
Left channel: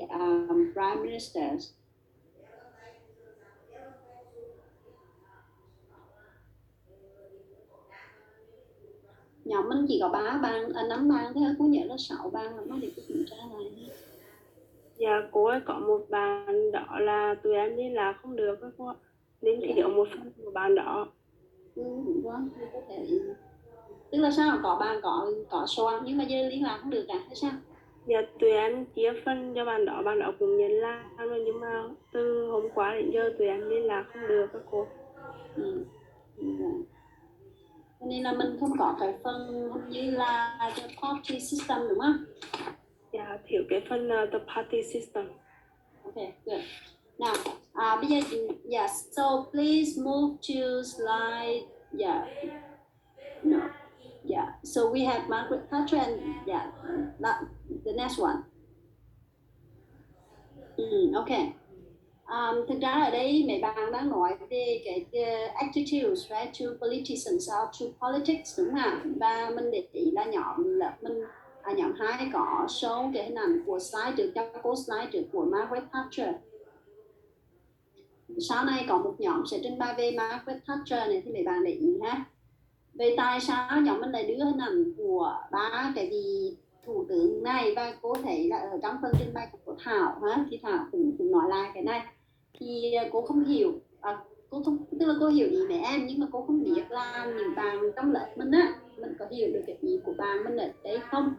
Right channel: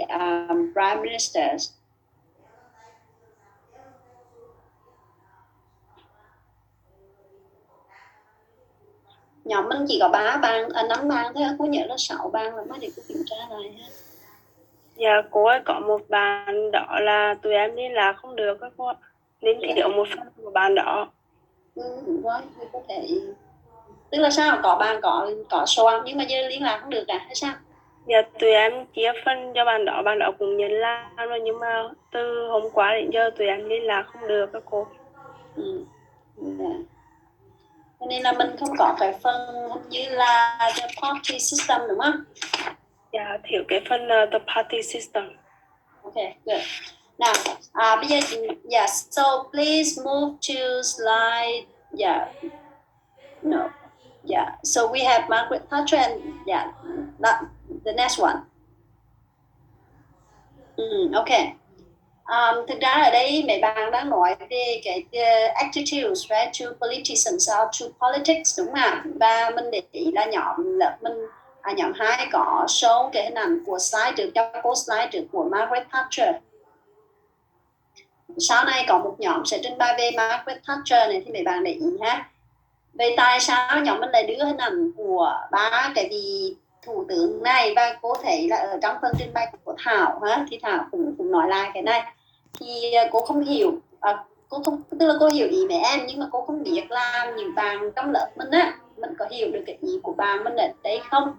prime ministers. Nhóm mình chỉ có 5 bang thôi, cô nhớ là 6 bang là mới để cô kiểm tra lại ha. Dạ, cô ấy có một bạn đó là tụi em liên lạc không được các cô ạ, nên thiếu một phần của bạn đó. Rồi, thì có thể, tức là sao, có bạn có soạn nhưng mà giờ liên lạc không được hay sao? Dạ, tụi em chia phân cho bạn đó cũng nhận làm rồi, nhưng mà từ hôm qua đến giờ tụi em liên lạc không được các cô. Cho nên là mình không có cái phần như là the party system đúng không? Dạ, thiếu cái phần the party system. Okay, good. Now, bây giờ, so please move to slide, so we have Margaret Thatcher and the next one. Okay. Thực ra ở đây mấy bạn đang nói về cái attitudes, right, to politicians or to politics đúng không ạ? Và mình để ý là nhóm 2 có show cái hình ảnh của slide trước, cho cô slide trước của Margaret Thatcher. Sau này có một nhóm sẽ trình bày về Margaret Thatcher này, thì mấy bạn để ý ha. Vậy tại sao nhóm mình lại đưa hình ảnh của 3 cái vị thủ tướng này, và cô thấy là ở trong phần trình bày của Thảo thì Thảo cũng nói lại cái này, thì cô không hiểu, tức là cô hiểu ý mấy em, nhưng mà cô không biết là những bạn trong lớp mình có hiểu được cái ý của bạn mình ở đây không,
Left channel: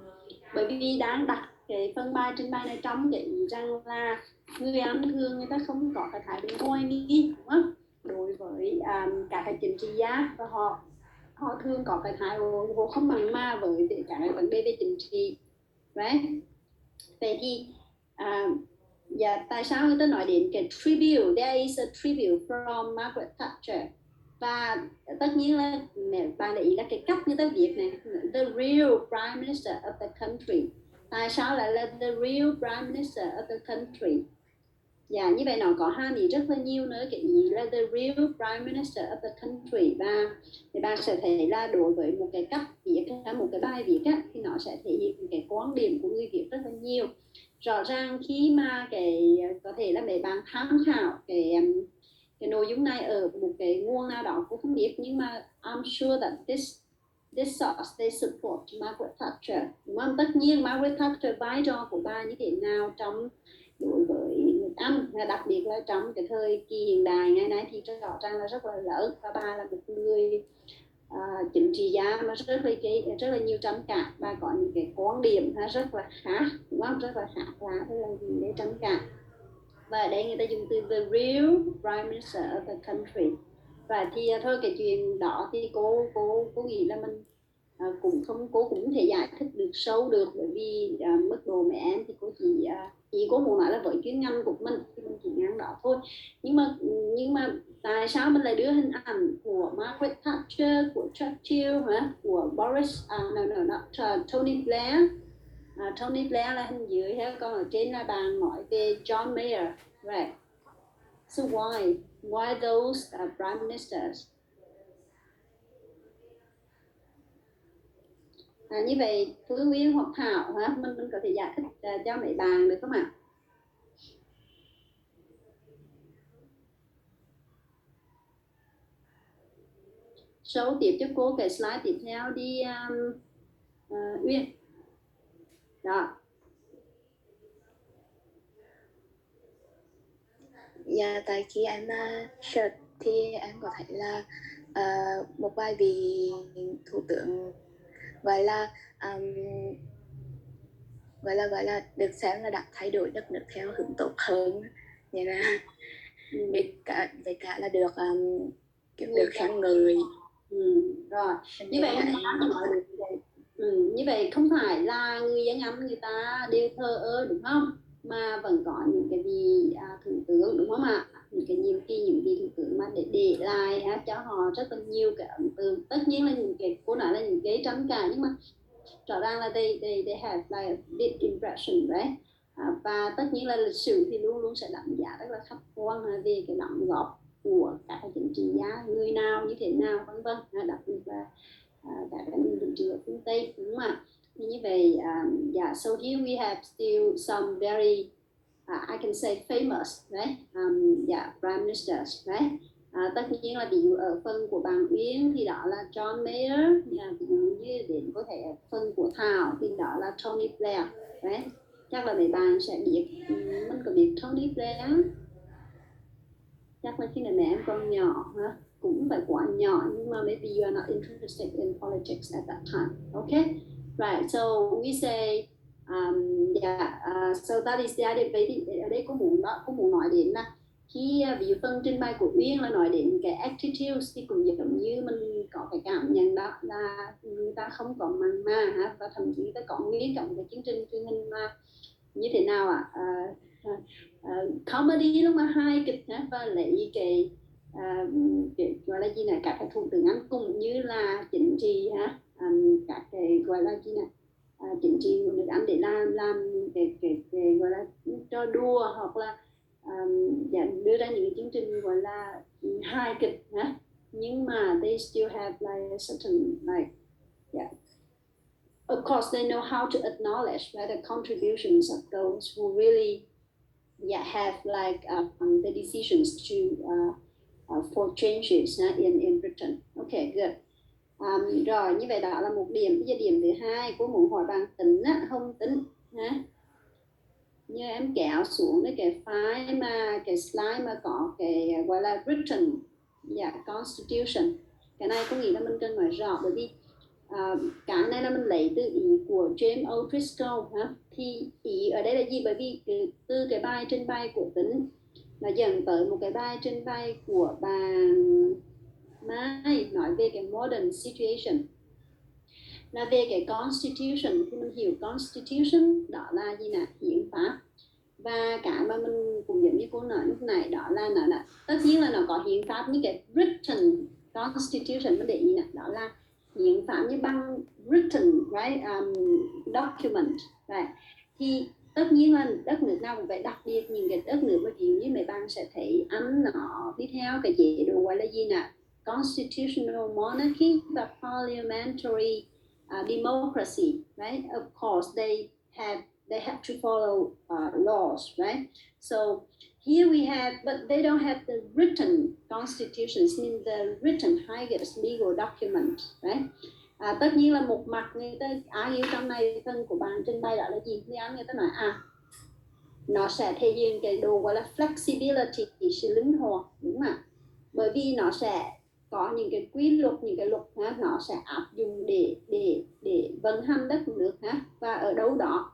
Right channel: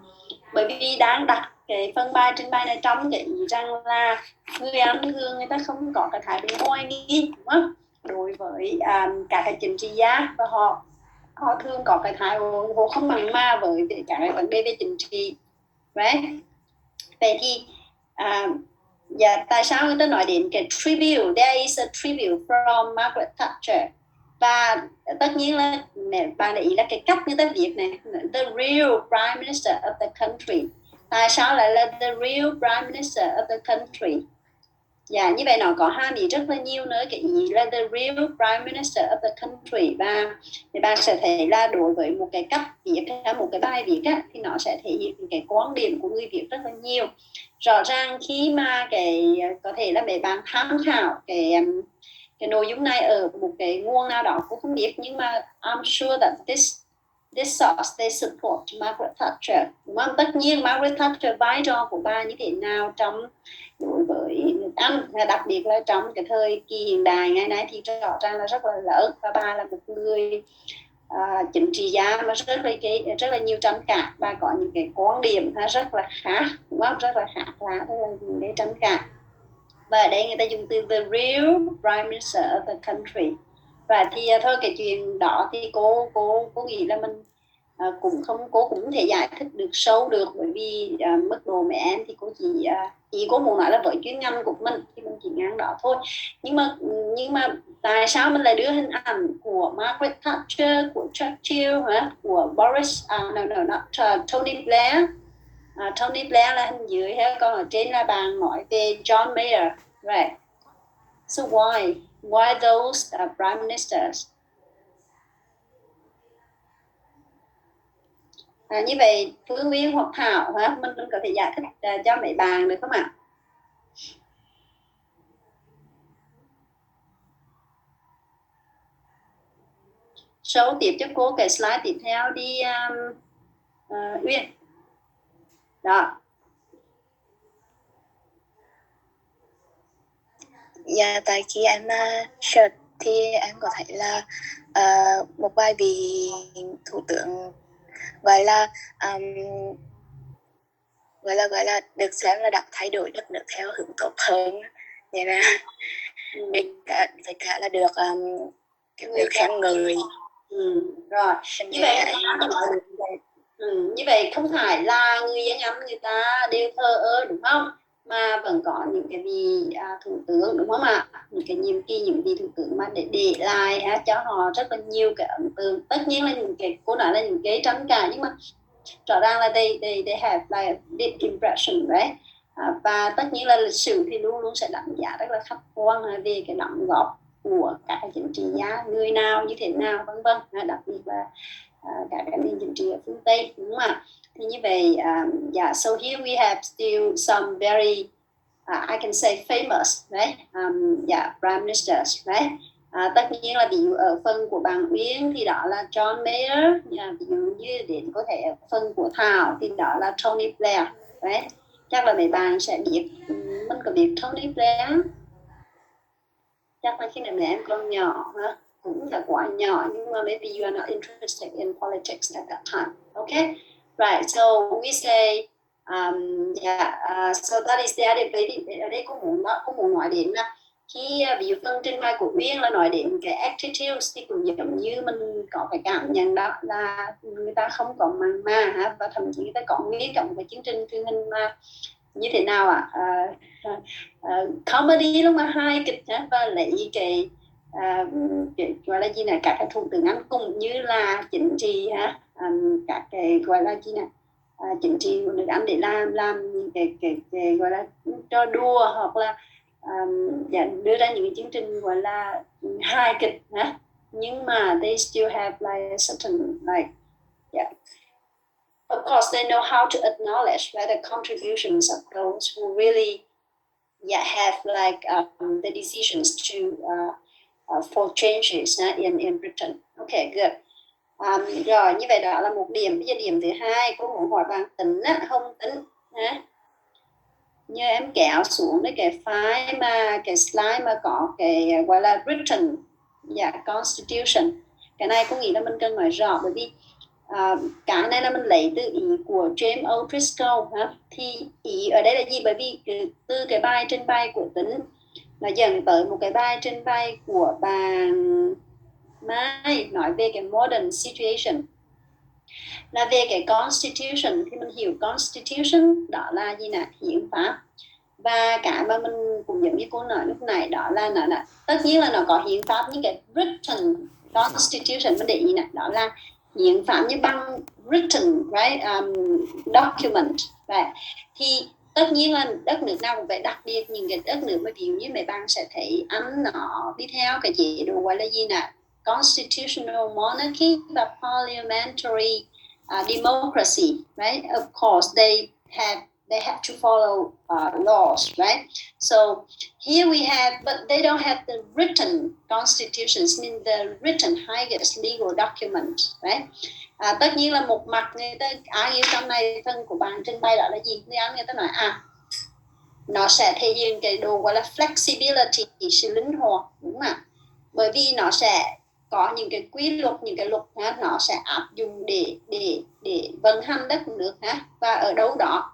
bởi vì đang đặt cái phần bài trình bày này trong cái ý rằng là người ăn thường người ta không có cái thái độ hoài nghi, đúng không, đối với cả cái chính trị gia, và họ thường có cái thái độ không mặn mà với cả cái vấn đề về chính trị, right? Vậy thì Dạ, tại sao người ta nói đến cái tribute? There is a tribute from Margaret Thatcher. Và tất nhiên là bạn để ý là cái cách người ta viết này, the real prime minister of the country. Tại sao lại là the real prime minister of the country? Dạ, như vậy nó có hàm ý rất là nhiều nữa. Cái ý là the real prime minister of the country. Và thì bạn sẽ thấy là đối với một cái cách viết, một cái bài viết á, thì nó sẽ thể hiện cái quan điểm của người viết rất là nhiều. Rõ ràng khi mà có thể là mấy bạn tham khảo cái nội dung này ở một cái nguồn nào đó cũng không biết, nhưng mà I'm sure that this source they support Margaret Thatcher, đúng không? Tất nhiên Margaret Thatcher vai trò của bà như thế nào trong đối với nước Anh, đặc biệt là trong cái thời kỳ hiện đại ngày nay thì rõ ràng là rất là lớn, và bà là một người chính trị gia mà rất là nhiều tranh cãi, và có những cái quan điểm rất là khác, đúng không? Rất là khác là những cái tranh cãi. Và ở đây người ta dùng từ the real prime minister of the country. Và thì thôi cái chuyện đó thì cô nghĩ là mình cũng không thể giải thích được sâu được, bởi vì mức độ mẹ em thì cô chỉ cô muốn nói là với chuyên ngành của mình thì mình chỉ ngang đó thôi. Nhưng mà tại sao mình lại đưa hình ảnh của Margaret Thatcher, của Churchill, của Boris, Tony Blair. Tony Blair là hình dưới, còn ở trên là bạn nói về John Major, right? So why those prime ministers? Như vậy Phương Nguyên hoặc Thảo mình có thể giải thích cho mấy bạn được không ạ? Show tiếp cho cô cái slide tiếp theo đi Uyên. Đó. Dạ, tại khi em search thì em có thấy là một vài vị thủ tướng gọi là được xem là đã thay đổi đất nước theo hướng tốt hơn, vậy là với cả là được khen ngợi. Rồi như vậy như vậy không phải là người dân Anh người ta đều thờ ơ, đúng không? Mà vẫn có những cái vị thủ tướng, đúng không ạ? Những cái nhiệm kỳ, những vị thủ tướng mà để lại cho họ rất là nhiều cái ấn tượng. Tất nhiên là những cái cô nói là những cái tranh cãi, nhưng mà rõ ràng là they have like a big impression, right? Và tất nhiên là lịch sử thì luôn luôn sẽ đánh giá rất là khách quan về cái đóng góp của các chính trị gia, người nào như thế nào, vân vân, đặc biệt là các nền chính trị ở phương Tây, đúng không ạ? Thì như vậy, so here we have still some very I can say famous, right? Prime ministers, right? Tất nhiên là ví dụ ở phần của bạn Uyên thì đó là John Major, ví dụ như đến có thể ở phần của Thảo thì đó là Tony Blair, right? Chắc là mấy bạn sẽ biết, mình có biết Tony Blair, chắc là khi nào mẹ em còn nhỏ cũng là quá nhỏ, nhưng mà maybe you are not interested in politics at that time, okay? Right, so we say so that is the other. Ở đây cũng muốn nói đến là khi ví dụ phần trình bày của Uyên là nói đến cái attitudes thì cũng giống như mình có cái cảm nhận đó là người ta không có mặn mà và thậm chí người ta có nghiên cứu về chương trình truyền hình mà như thế nào ạ? Comedy lúc mà hài kịch và lấy cái gọi là gì này, các cái thủ tướng Anh cũng như là chính trị các cái gọi là gì này, chính trị của nước Anh để làm cái gọi là trò đùa, hoặc là đưa ra những cái chương trình gọi là hài kịch nhưng mà they still have like a certain like of course they know how to acknowledge the contributions of those who really have like the decisions to for changes in Britain. Okay, good. Rồi như vậy đó là một điểm. Bây giờ điểm thứ hai, cô muốn hỏi bạn Tính Hồng Tính như em kéo xuống cái file mà cái slide mà có cái gọi là Britain Constitution. Cái này cô nghĩ là mình cần nói rõ, bởi vì cái này là mình lấy từ ý của James O'Driscoll thì ý ở đây là gì? Bởi vì từ cái bài trình bày của Tính nó dẫn tới một cái bài trình bày của bạn Mai nói về cái modern situation, là về cái constitution. Thì mình hiểu constitution đó là gì nè? Hiến pháp. Và cái mà mình cũng giống như cô nói lúc này đó là nó tất nhiên là nó có hiến pháp như cái written constitution, mình để ý này, đó là hiến pháp như bằng written, right, document, right. Thì tất nhiên là đất nước nào cũng vậy, đặc biệt những cái đất nước mà ví dụ như mấy bạn sẽ thấy Anh nó đi theo cái chế độ gọi là gì nè, constitutional monarchy và parliamentary democracy, right. Of course they have to follow laws, right? So here we have, but they don't have the written constitutions, mean the written highest legal document, right? Tất nhiên là một mặt người ta ai trong này phần của bạn trình bày đó là gì? Người ta nói nó sẽ thể hiện cái độ gọi là flexibility, sự linh hoạt, đúng không ạ? Bởi vì nó sẽ có những cái quy luật, những cái luật nó sẽ áp dụng để vận hành đất nước và ở đâu đó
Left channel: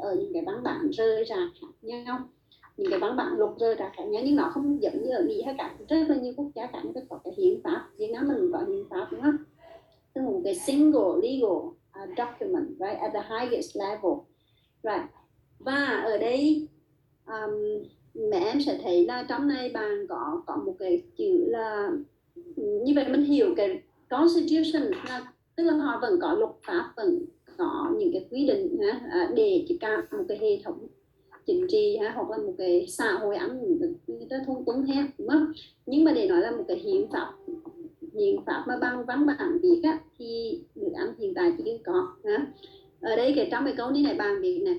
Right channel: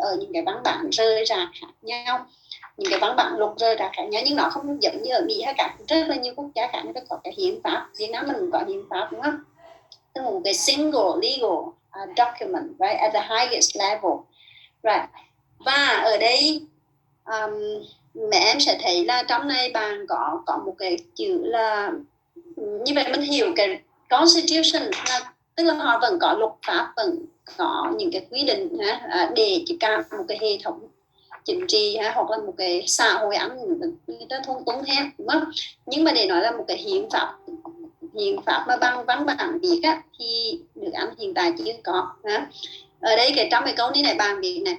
ở những cái văn bản rơi rạc khác nhau, những cái văn bản luật rơi rạc khác nhau, nhưng nó không giống như ở Mỹ hay cả rất là nhiều quốc gia khác người ta có cái hiến pháp. Việt Nam mình có hiến pháp, đúng không? Tức là một cái single legal document, right, at the highest level, right. Và ở đây mẹ em sẽ thấy là trong này bạn có một cái chữ là như vậy mình hiểu cái constitution là tức là họ vẫn có luật pháp, vẫn có những cái quy định để chỉ cả một cái hệ thống chính trị hoặc là một cái xã hội người ta thôn túng theo, đúng không? Nhưng mà để nói là một cái hiến pháp mà bằng văn bản viết thì nước Anh hiện tại chưa có. Ở đây trong cái câu này bạn viết này,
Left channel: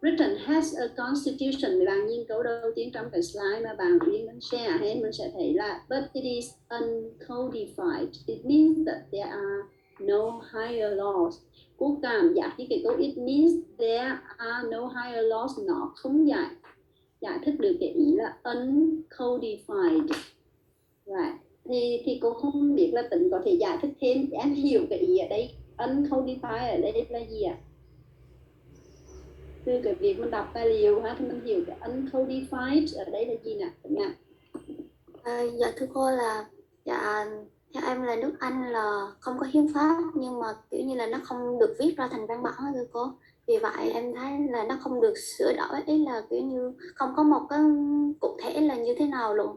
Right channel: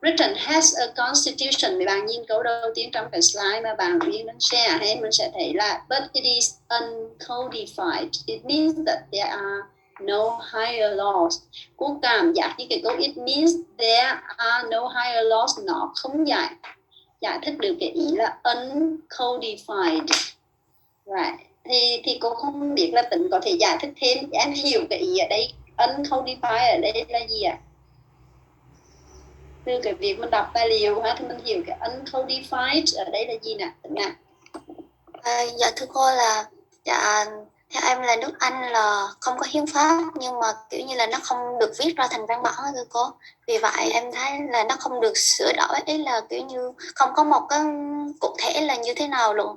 Britain has a constitution. Mấy bạn nhìn câu đầu tiên trong cái slide mà bạn riêng mình share mình sẽ thấy là but it is uncodified. It means that there are no higher laws. Cô cảm giác như cái câu it means there are no higher laws nó không giải thích được cái ý là uncodified. Right. Thì cô không biết là Tĩnh có thể giải thích thêm, em hiểu cái ý ở đây uncodified ở đây là gì ạ? Từ cái việc mình đọc tài liệu thì mình hiểu cái uncodified ở đây là gì nè? Dạ thưa cô là theo em là nước Anh là không có hiến pháp, nhưng mà kiểu như là nó không được viết ra thành văn bản thưa cô. Vì vậy em thấy là nó không được sửa đổi, ý là kiểu như không có một cái cụ thể là như thế nào luôn.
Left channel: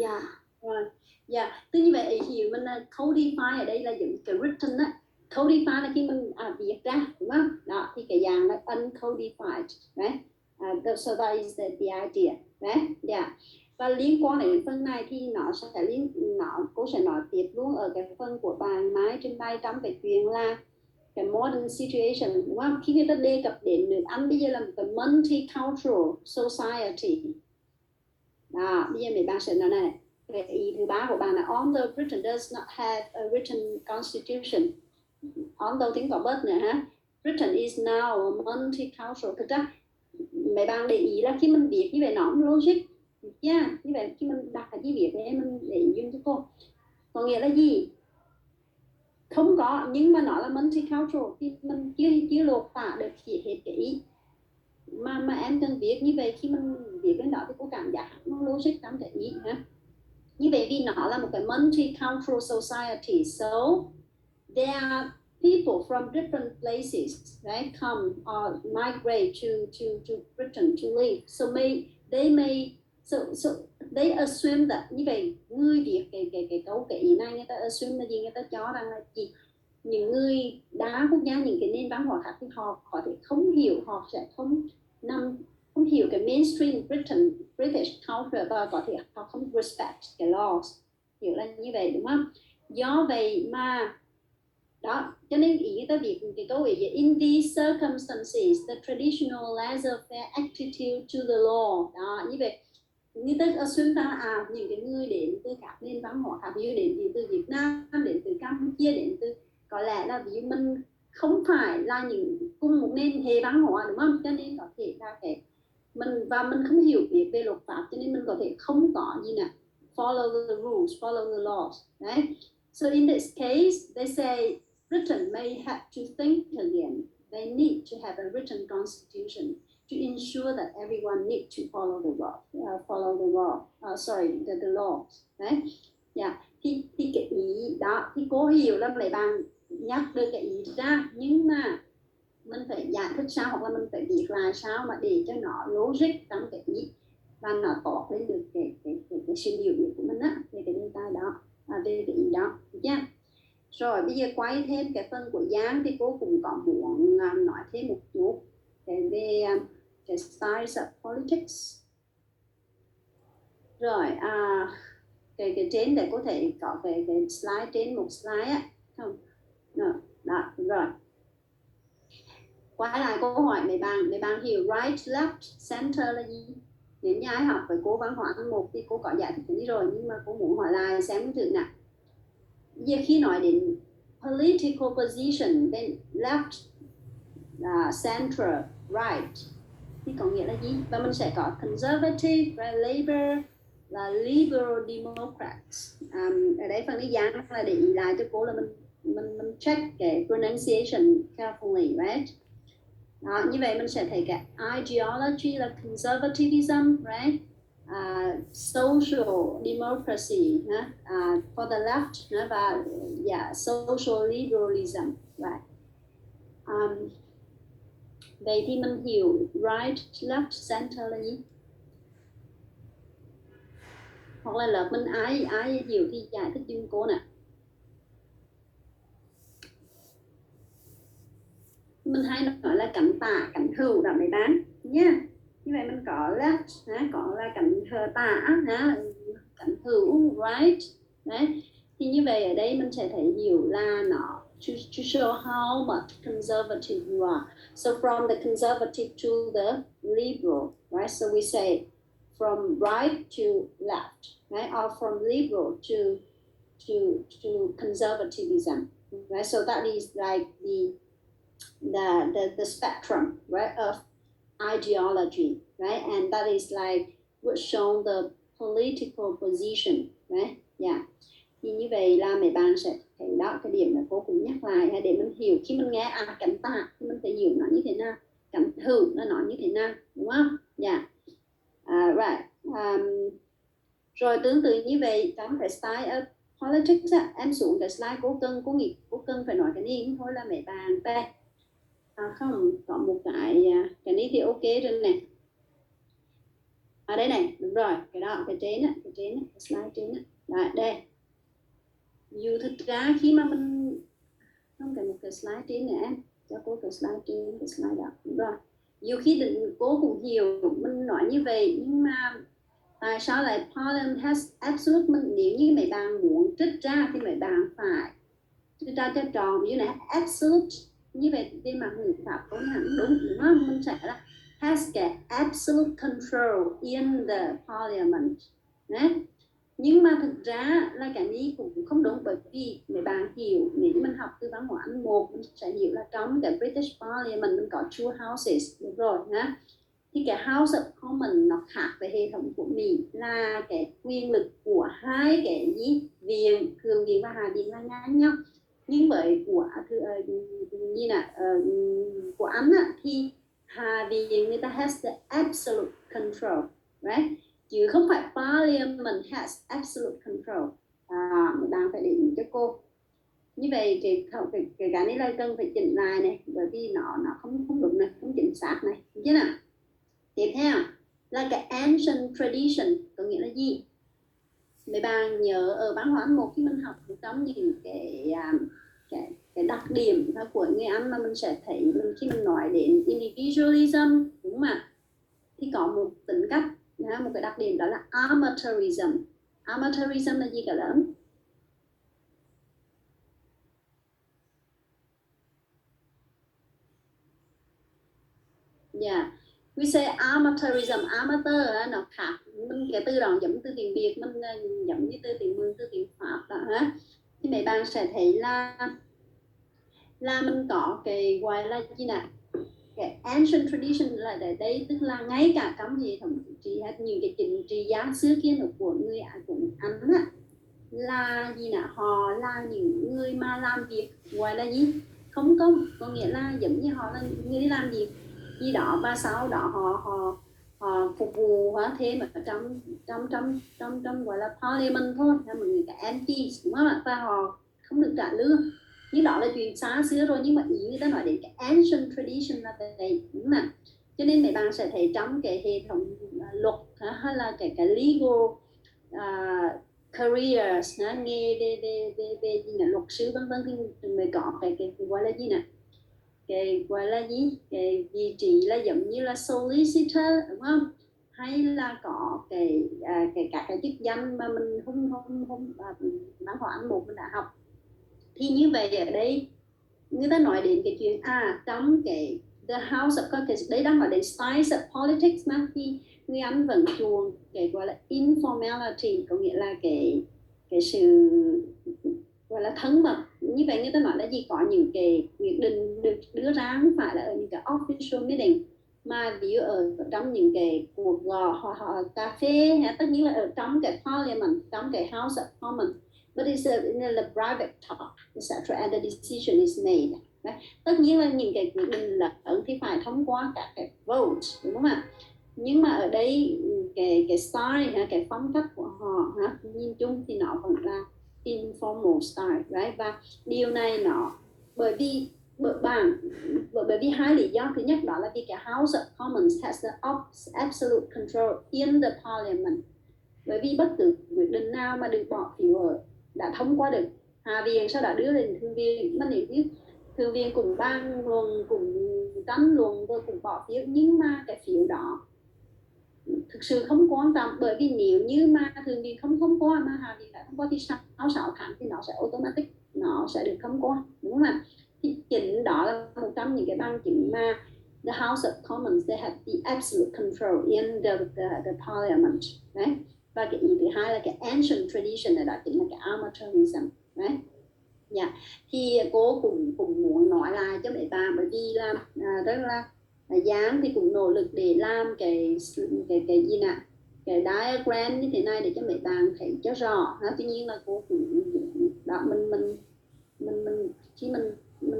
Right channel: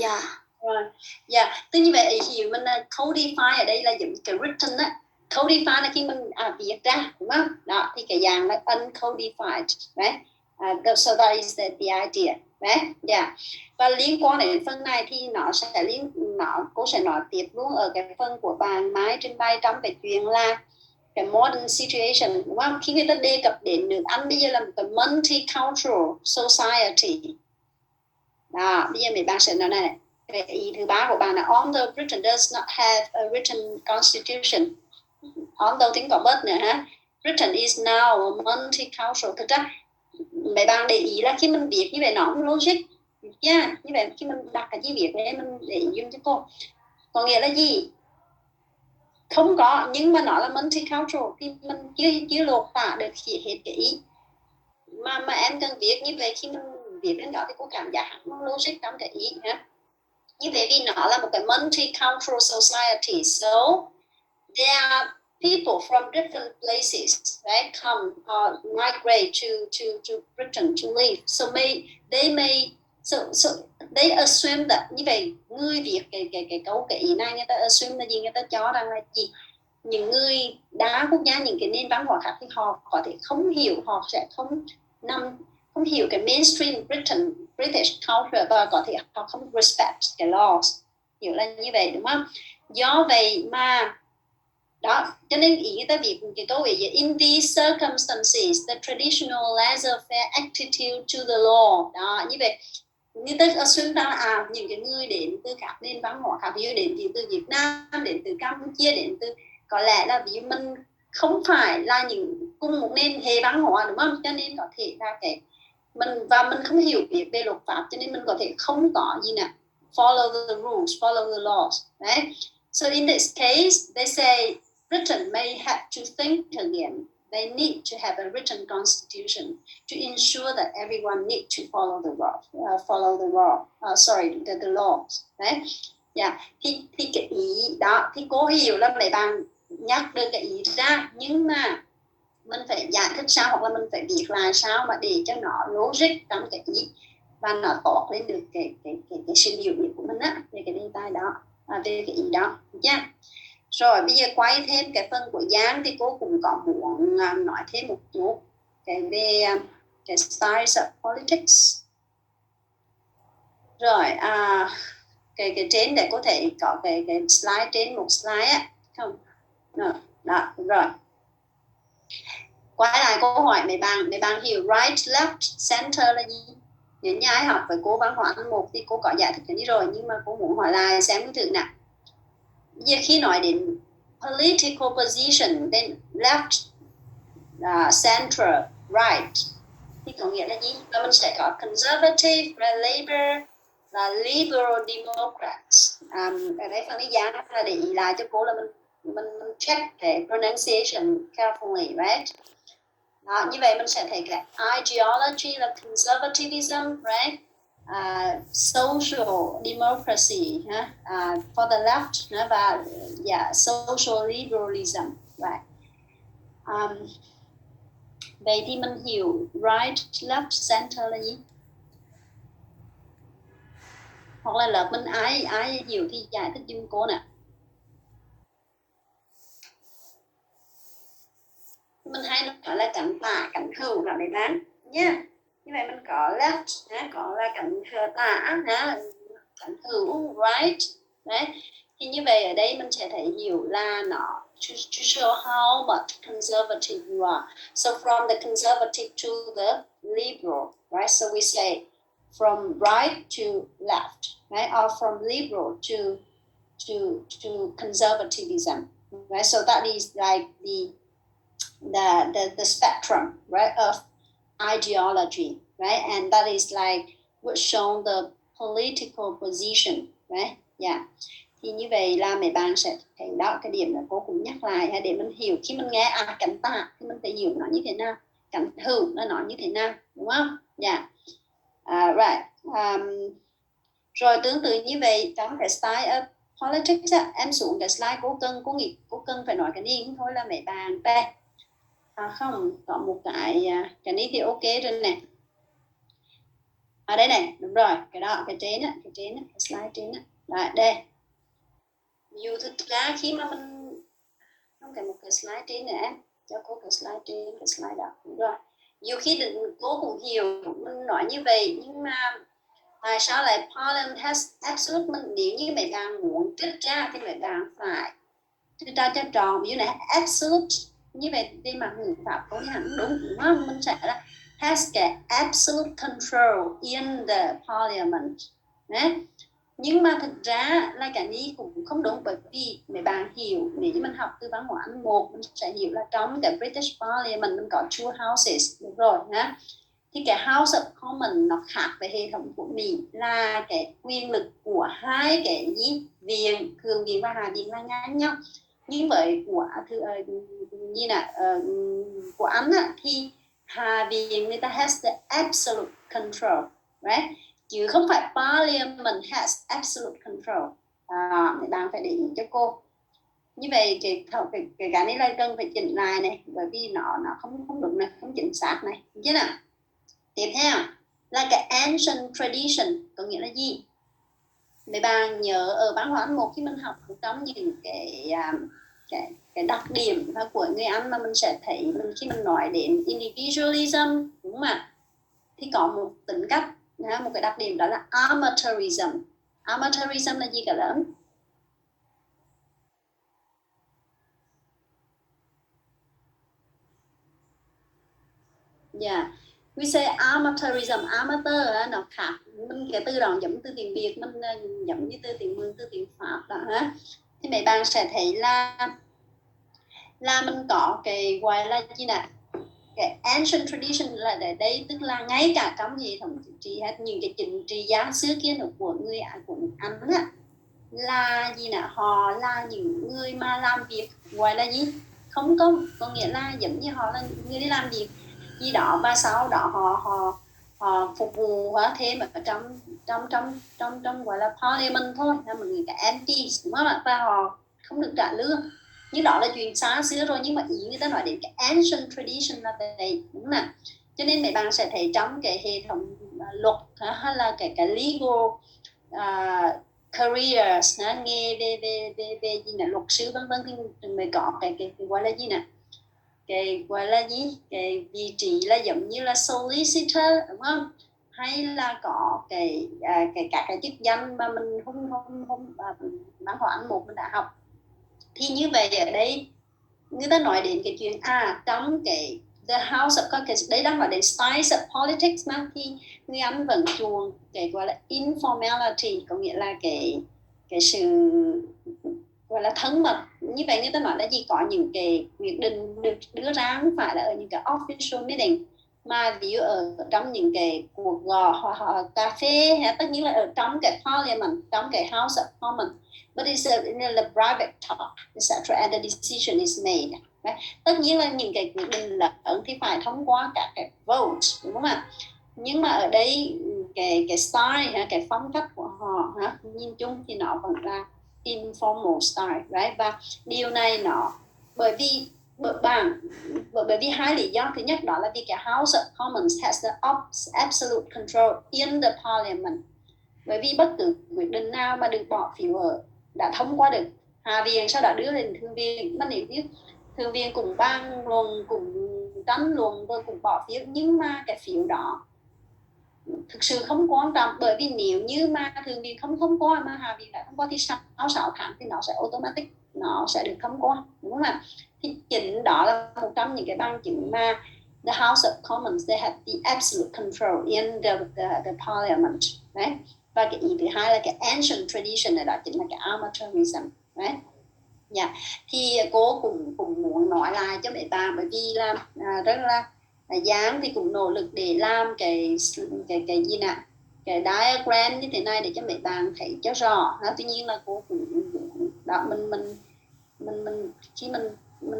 Dạ. Rồi. Dạ, tức như vậy hiểu mình là codify ở đây là giống cái written á. Codify là khi mình viết ra, đúng không? Đó, thì cái dạng là uncodified, right? So that is the idea, right? Yeah. Và liên quan đến phần này thì cô sẽ nói tiếp luôn ở cái phần của bạn Mai trình bày trong cái chuyện là cái modern situation, đúng không? Khi người ta đề cập đến nước Anh bây giờ là một cái multicultural society. Đó, bây giờ mấy bạn sẽ nói này. Cái ý thứ ba của bạn là although Britain does not have a written constitution, although tiếng có bớt nữa Britain is now a multicultural. Thực ra mấy bạn để ý là khi mình viết như vậy nó không logic, như vậy khi mình đặt cái chữ viết này mình để ý dùng cho cô có nghĩa là gì? Không có, nhưng mà nó là multicultural thì mình chưa lột tả được hết cái ý mà em cần viết như vậy. Khi mình viết đến đó thì cô cảm giác nó logic trong cái ý như vậy vì nó là một cái multicultural society, so there are people from different places, right, come or migrate to Britain to live. So they assume that như vậy người Việt cái câu cái ý này người ta assume là gì? Người ta cho rằng là gì? Những người đa quốc gia, những cái nền văn hóa khác thì họ có thể không hiểu, họ sẽ không hiểu cái mainstream British culture và có thể họ không respect cái laws, hiểu là như vậy đúng không? Do vậy mà đó, cho nên ý người ta viết cái câu ấy in these circumstances the traditional laissez-faire attitude to the law. Đó, như vậy như ta assume ra những cái người đến từ các nền văn hóa khác, ví dụ đến từ Việt Nam, đến từ Campuchia, đến từ có lẽ là ví dụ mình không phải là những cùng một nền hệ văn hóa, đúng không? Cho nên có thể là cái mình không hiểu biết về luật pháp, cho nên mình có thể không có gì nè follow the rules, follow the laws, right? So in this case they say Britain may have to think again. They need to have a written constitution to ensure that everyone needs to follow the laws, right? Yeah. Thì cái ý đó thì cô hiểu là mấy bạn nhắc được cái ý ra, nhưng mà mình phải giải thích thích sao, hoặc là mình phải viết lại sao mà để cho nó logic trong cái ý và nó tỏ lên được cái sự biểu hiện của mình á, về cái đề tài đó, về cái ý đó nha. Rồi bây giờ quay thêm cái phần của Giang thì cô cũng có muốn nói thêm một chút cái về cái styles of politics. Rồi cái trên để có thể có cái slide trên một slide á, không? Đó, rồi. Quay lại câu hỏi mấy bạn hiểu right, left, center là gì? Nếu như ai học với cô văn hóa một thì cô có giải thích cái đi rồi, nhưng mà cô muốn hỏi lại xem thử nào. Giờ khi nói đến political position, then left, center, right thì có nghĩa là gì? Và mình sẽ có conservative, labor, là liberal democrats. Ở đây phần lý Giang là để ý lại cho cô là mình check cái pronunciation carefully, right? Đó, như vậy mình sẽ thấy cái ideology là conservatism, right? Social democracy, for the left, và social liberalism, right? Vậy thì mình hiểu right, left, center là gì? Hoặc là lớp mình ai hiểu thì giải thích giùm cô nè. Mình hay nói là cánh tả, cánh hữu đó mấy bạn nha. Như vậy mình có left, có là cánh tả, cánh hữu, right. Đấy. Thì như vậy ở đây mình sẽ thấy hiểu là nó to show how much conservative you are. So from the conservative to the liberal, right? So we say from right to left, right? Or from liberal to conservatism, right? So that is like the spectrum, right, of ideology, right? And that is like what show the political position, right? Yeah. Thì như vậy là mấy bạn sẽ thấy đó, cái điểm là cô cũng nhắc lại để mình hiểu khi mình nghe cánh tả thì mình phải hiểu nó như thế nào, cánh hữu nó như thế nào, đúng không? Yeah. Right. Rồi tương tự như vậy trong cái style of politics em xuống cái slide cô cần phải nói cái gì không thôi là mấy bạn đây. Không, có một cái này thì ok rồi nè. Đây này, đúng rồi, cái đó, cái trên á, cái slide trên á. Rồi, đây. Dù thực ra khi mà mình không cần một cái slide trên nữa em, cho cô cái slide trên, cái slide đó, đúng rồi. Dù khi cô cũng hiểu mình nói như vậy, nhưng mà tại sao lại Parliament has absolute, nếu như mấy bạn muốn trích ra thì mấy bạn phải trích ra cho tròn, ví dụ này absolute, như vậy đi mà ngữ pháp có hẳn đúng không? Mình sẽ là has cái absolute control in the Parliament. Đấy. Nhưng mà thực ra là cái này cũng không đúng, bởi vì mấy bạn hiểu, nếu như mình học từ văn hóa Anh 1 mình sẽ hiểu là trong cái British Parliament mình có two houses, đúng rồi nhá. Thì cái House of Commons nó khác với hệ thống của Mỹ là cái quyền lực của hai cái viện, Thượng viện và Hạ viện là ngang nhau. Nhưng với của Anh thì Hạ viện người ta has the absolute control, right? Chứ không phải Parliament has absolute control. Mấy bạn phải để ý cho cô. Như vậy cái này là cần phải chỉnh lại này, bởi vì nó không đúng này, không chính xác này, chứ nào. Tiếp theo là cái ancient tradition có nghĩa là gì? Mấy bạn nhớ ở văn hóa một khi mình học trong những cái đặc điểm của người Anh mà mình sẽ thấy khi mình nói đến individualism, đúng không ạ? Thì có một tính cách, một cái đặc điểm đó là amateurism. Amateurism là gì cả lớn? Yeah. We say amateurism, amateur nó khác, mình cái từ đó giống từ tiếng Việt, mình giống như từ tiếng Mường, từ tiếng Pháp đó ha. Thì mấy bạn sẽ thấy là mình có cái gọi là gì nè, cái ancient tradition là ở đây, tức là ngay cả trong hệ thống chính trị hay những cái chính trị gia xưa kia của người Anh là gì nè, họ là những người mà làm việc gọi là gì, không có nghĩa là giống như họ là người đi làm việc gì đó và sau đó họ phục vụ thêm ở trong gọi là parliament thôi, là một người cả MPs, đúng không ạ? Và họ không được trả lương, nhưng đó là chuyện xa xưa rồi, nhưng mà ý người ta nói đến cái ancient tradition là vậy, đúng không nào? Cho nên mấy bạn sẽ thấy trong cái hệ thống luật hay là cái legal careers, nghề về gì nè, luật sư vân vân, thì mới có cái gọi là gì nè, cái gọi là gì, cái vị trí là giống như là solicitor, đúng không? Hay là có các cái chức danh mà mình không văn hóa Anh một mình đã học. Thì như vậy ở đây người ta nói đến cái chuyện trong cái the house of caucus, đấy đang nói đến styles of politics mà, thì người Anh vẫn chuộng cái gọi là informality, có nghĩa là cái sự gọi là thân mật. Như vậy người ta nói là gì, có những cái quyết định được đưa ra không phải là ở những cái official meeting, mà ví dụ ở trong những cái cuộc gọi cà phê, hay tất nhiên là ở trong cái parliament, trong cái house of commons, but it's in a private talk, etc. And the decision is made. Right? Tất nhiên là những cái quyết định lớn thì phải thông qua các cái vote, đúng không ạ? Nhưng mà ở đây cái style, cái phong cách của họ nhìn chung thì nó vẫn là informal style, right? Và điều này nó bởi vì hai lý do. Thứ nhất đó là vì cái House of Commons has the absolute control in the Parliament. Bởi vì bất cứ quyết định nào mà được bỏ phiếu ở đã thông qua được Hạ viện, sau đó đưa lên Thượng viện, mà nếu như Thượng viện cùng ban luận, cùng tranh luận rồi cùng bỏ phiếu, nhưng mà cái phiếu đó thực sự không quan trọng, bởi vì nếu như mà Thượng viện không thông qua mà Hạ viện đã thông qua thì sau 6 tháng thì nó sẽ automatic, nó sẽ được thông qua, đúng không ạ? Thì chính đó là một trong những cái bằng chứng mà the House of Commons, they have the absolute control in the parliament, right? Và cái ý thứ hai là cái ancient tradition này, đó chính là cái amateurism, right? Yeah. Thì cô cũng muốn nói lại cho mấy bạn, bởi vì là rất là Giang thì cũng nỗ lực để làm cái gì nè, cái diagram như thế này để cho mấy bạn thấy cho rõ. Tuy nhiên là cô cũng đó, mình khi mình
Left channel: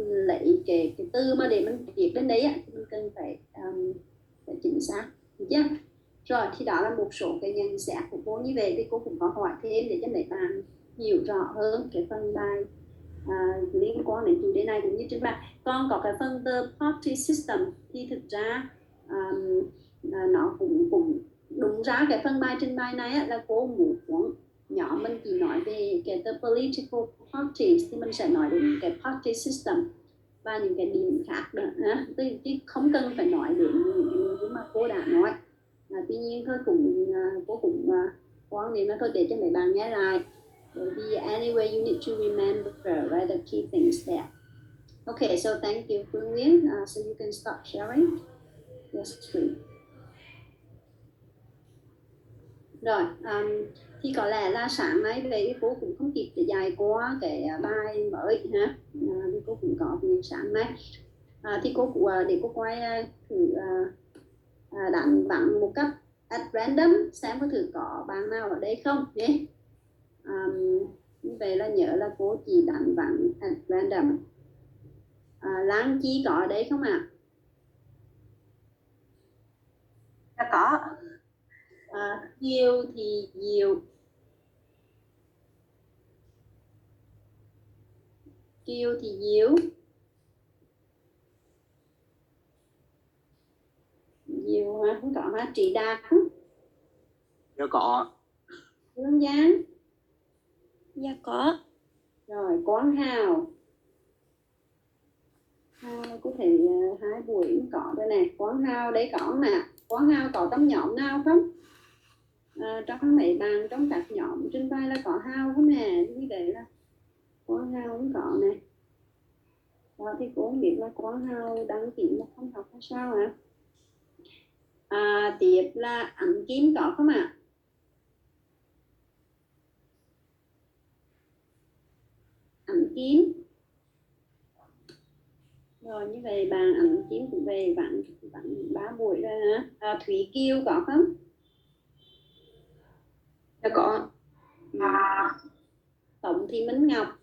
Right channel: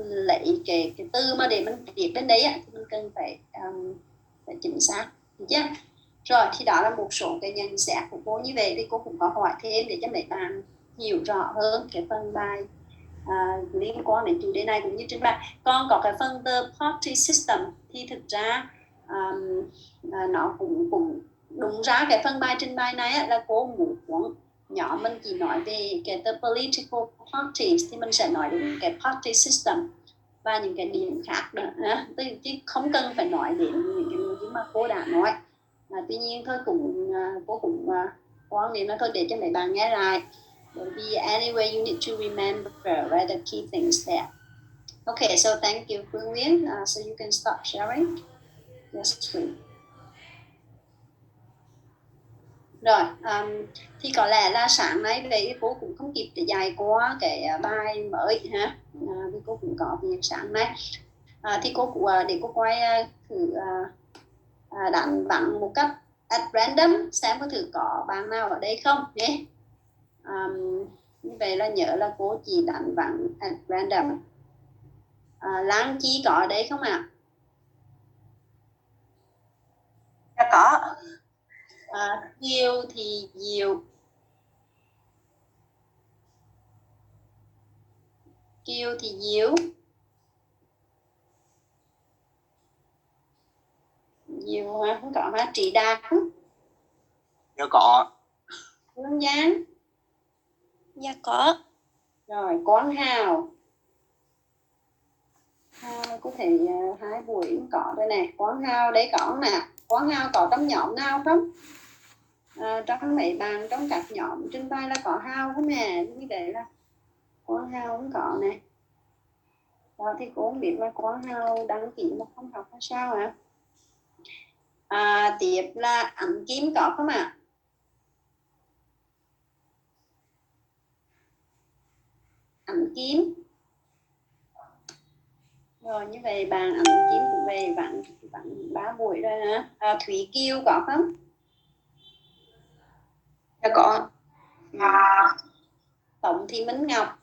lấy cái từ mà để mình viết đến đấy thì mình cần phải chính xác, được chưa? Rồi thì đó là một số cái nhận xét của cô. Như vậy thì cô cũng có hỏi thêm để cho mấy bạn hiểu rõ hơn cái phần bài liên quan đến chủ đề này cũng như trình bày. Còn có cái phần the party system thì thực ra nó cũng đúng ra cái phần bài trình bày này là cô muốn nhóm mình chỉ nói về cái the political parties, thì mình sẽ nói đến cái party system và những cái điểm khác nữa, chứ không cần phải nói đến những cái nội dung mà cô đã nói. Tuy nhiên thôi cô cũng quan điểm là thôi để cho mấy bạn nghe lại, bởi vì anyway you need to remember right, the key things there. Okay, so thank you Phương Nguyễn, so you can start sharing. Yes, please. Rồi, thì có lẽ là sáng nay về cô cũng không kịp để dạy qua cái bài mới ha, vì cô cũng có việc sáng nay. Thì cô cũng để cô quay thử đánh bắn một cách at random, xem có thử có bạn nào ở đây không nhé. Như vậy là nhớ là cô chỉ đánh bắn at random. Lan Chi có ở đây không ạ? Dạ có. Diêu thì Diệu. Kiều thì Diệu. Diệu hả? Không có hả? Trị Đạt. Dạ có. Hương Giang. Dạ có. Rồi Quang Hào. Hào có thể 2 buổi cũng có đây nè. Quang Hào đấy có nè. Quang Hào có trong nhóm nào không? Trong mấy bạn trong các nhóm trên vai là có Hào không nè? Như vậy là Quang Hào cũng có nè. Đó thì cô không biết là Quang Hào đăng ký mà không học là sao hả? Tiếp là Ánh Kim có không ạ? Ánh Kim. Rồi như vậy bạn Ánh Kim cũng về bạn 3 buổi rồi hả? Thúy Kiều có không? Dạ có. Tổng Thị Minh Ngọc.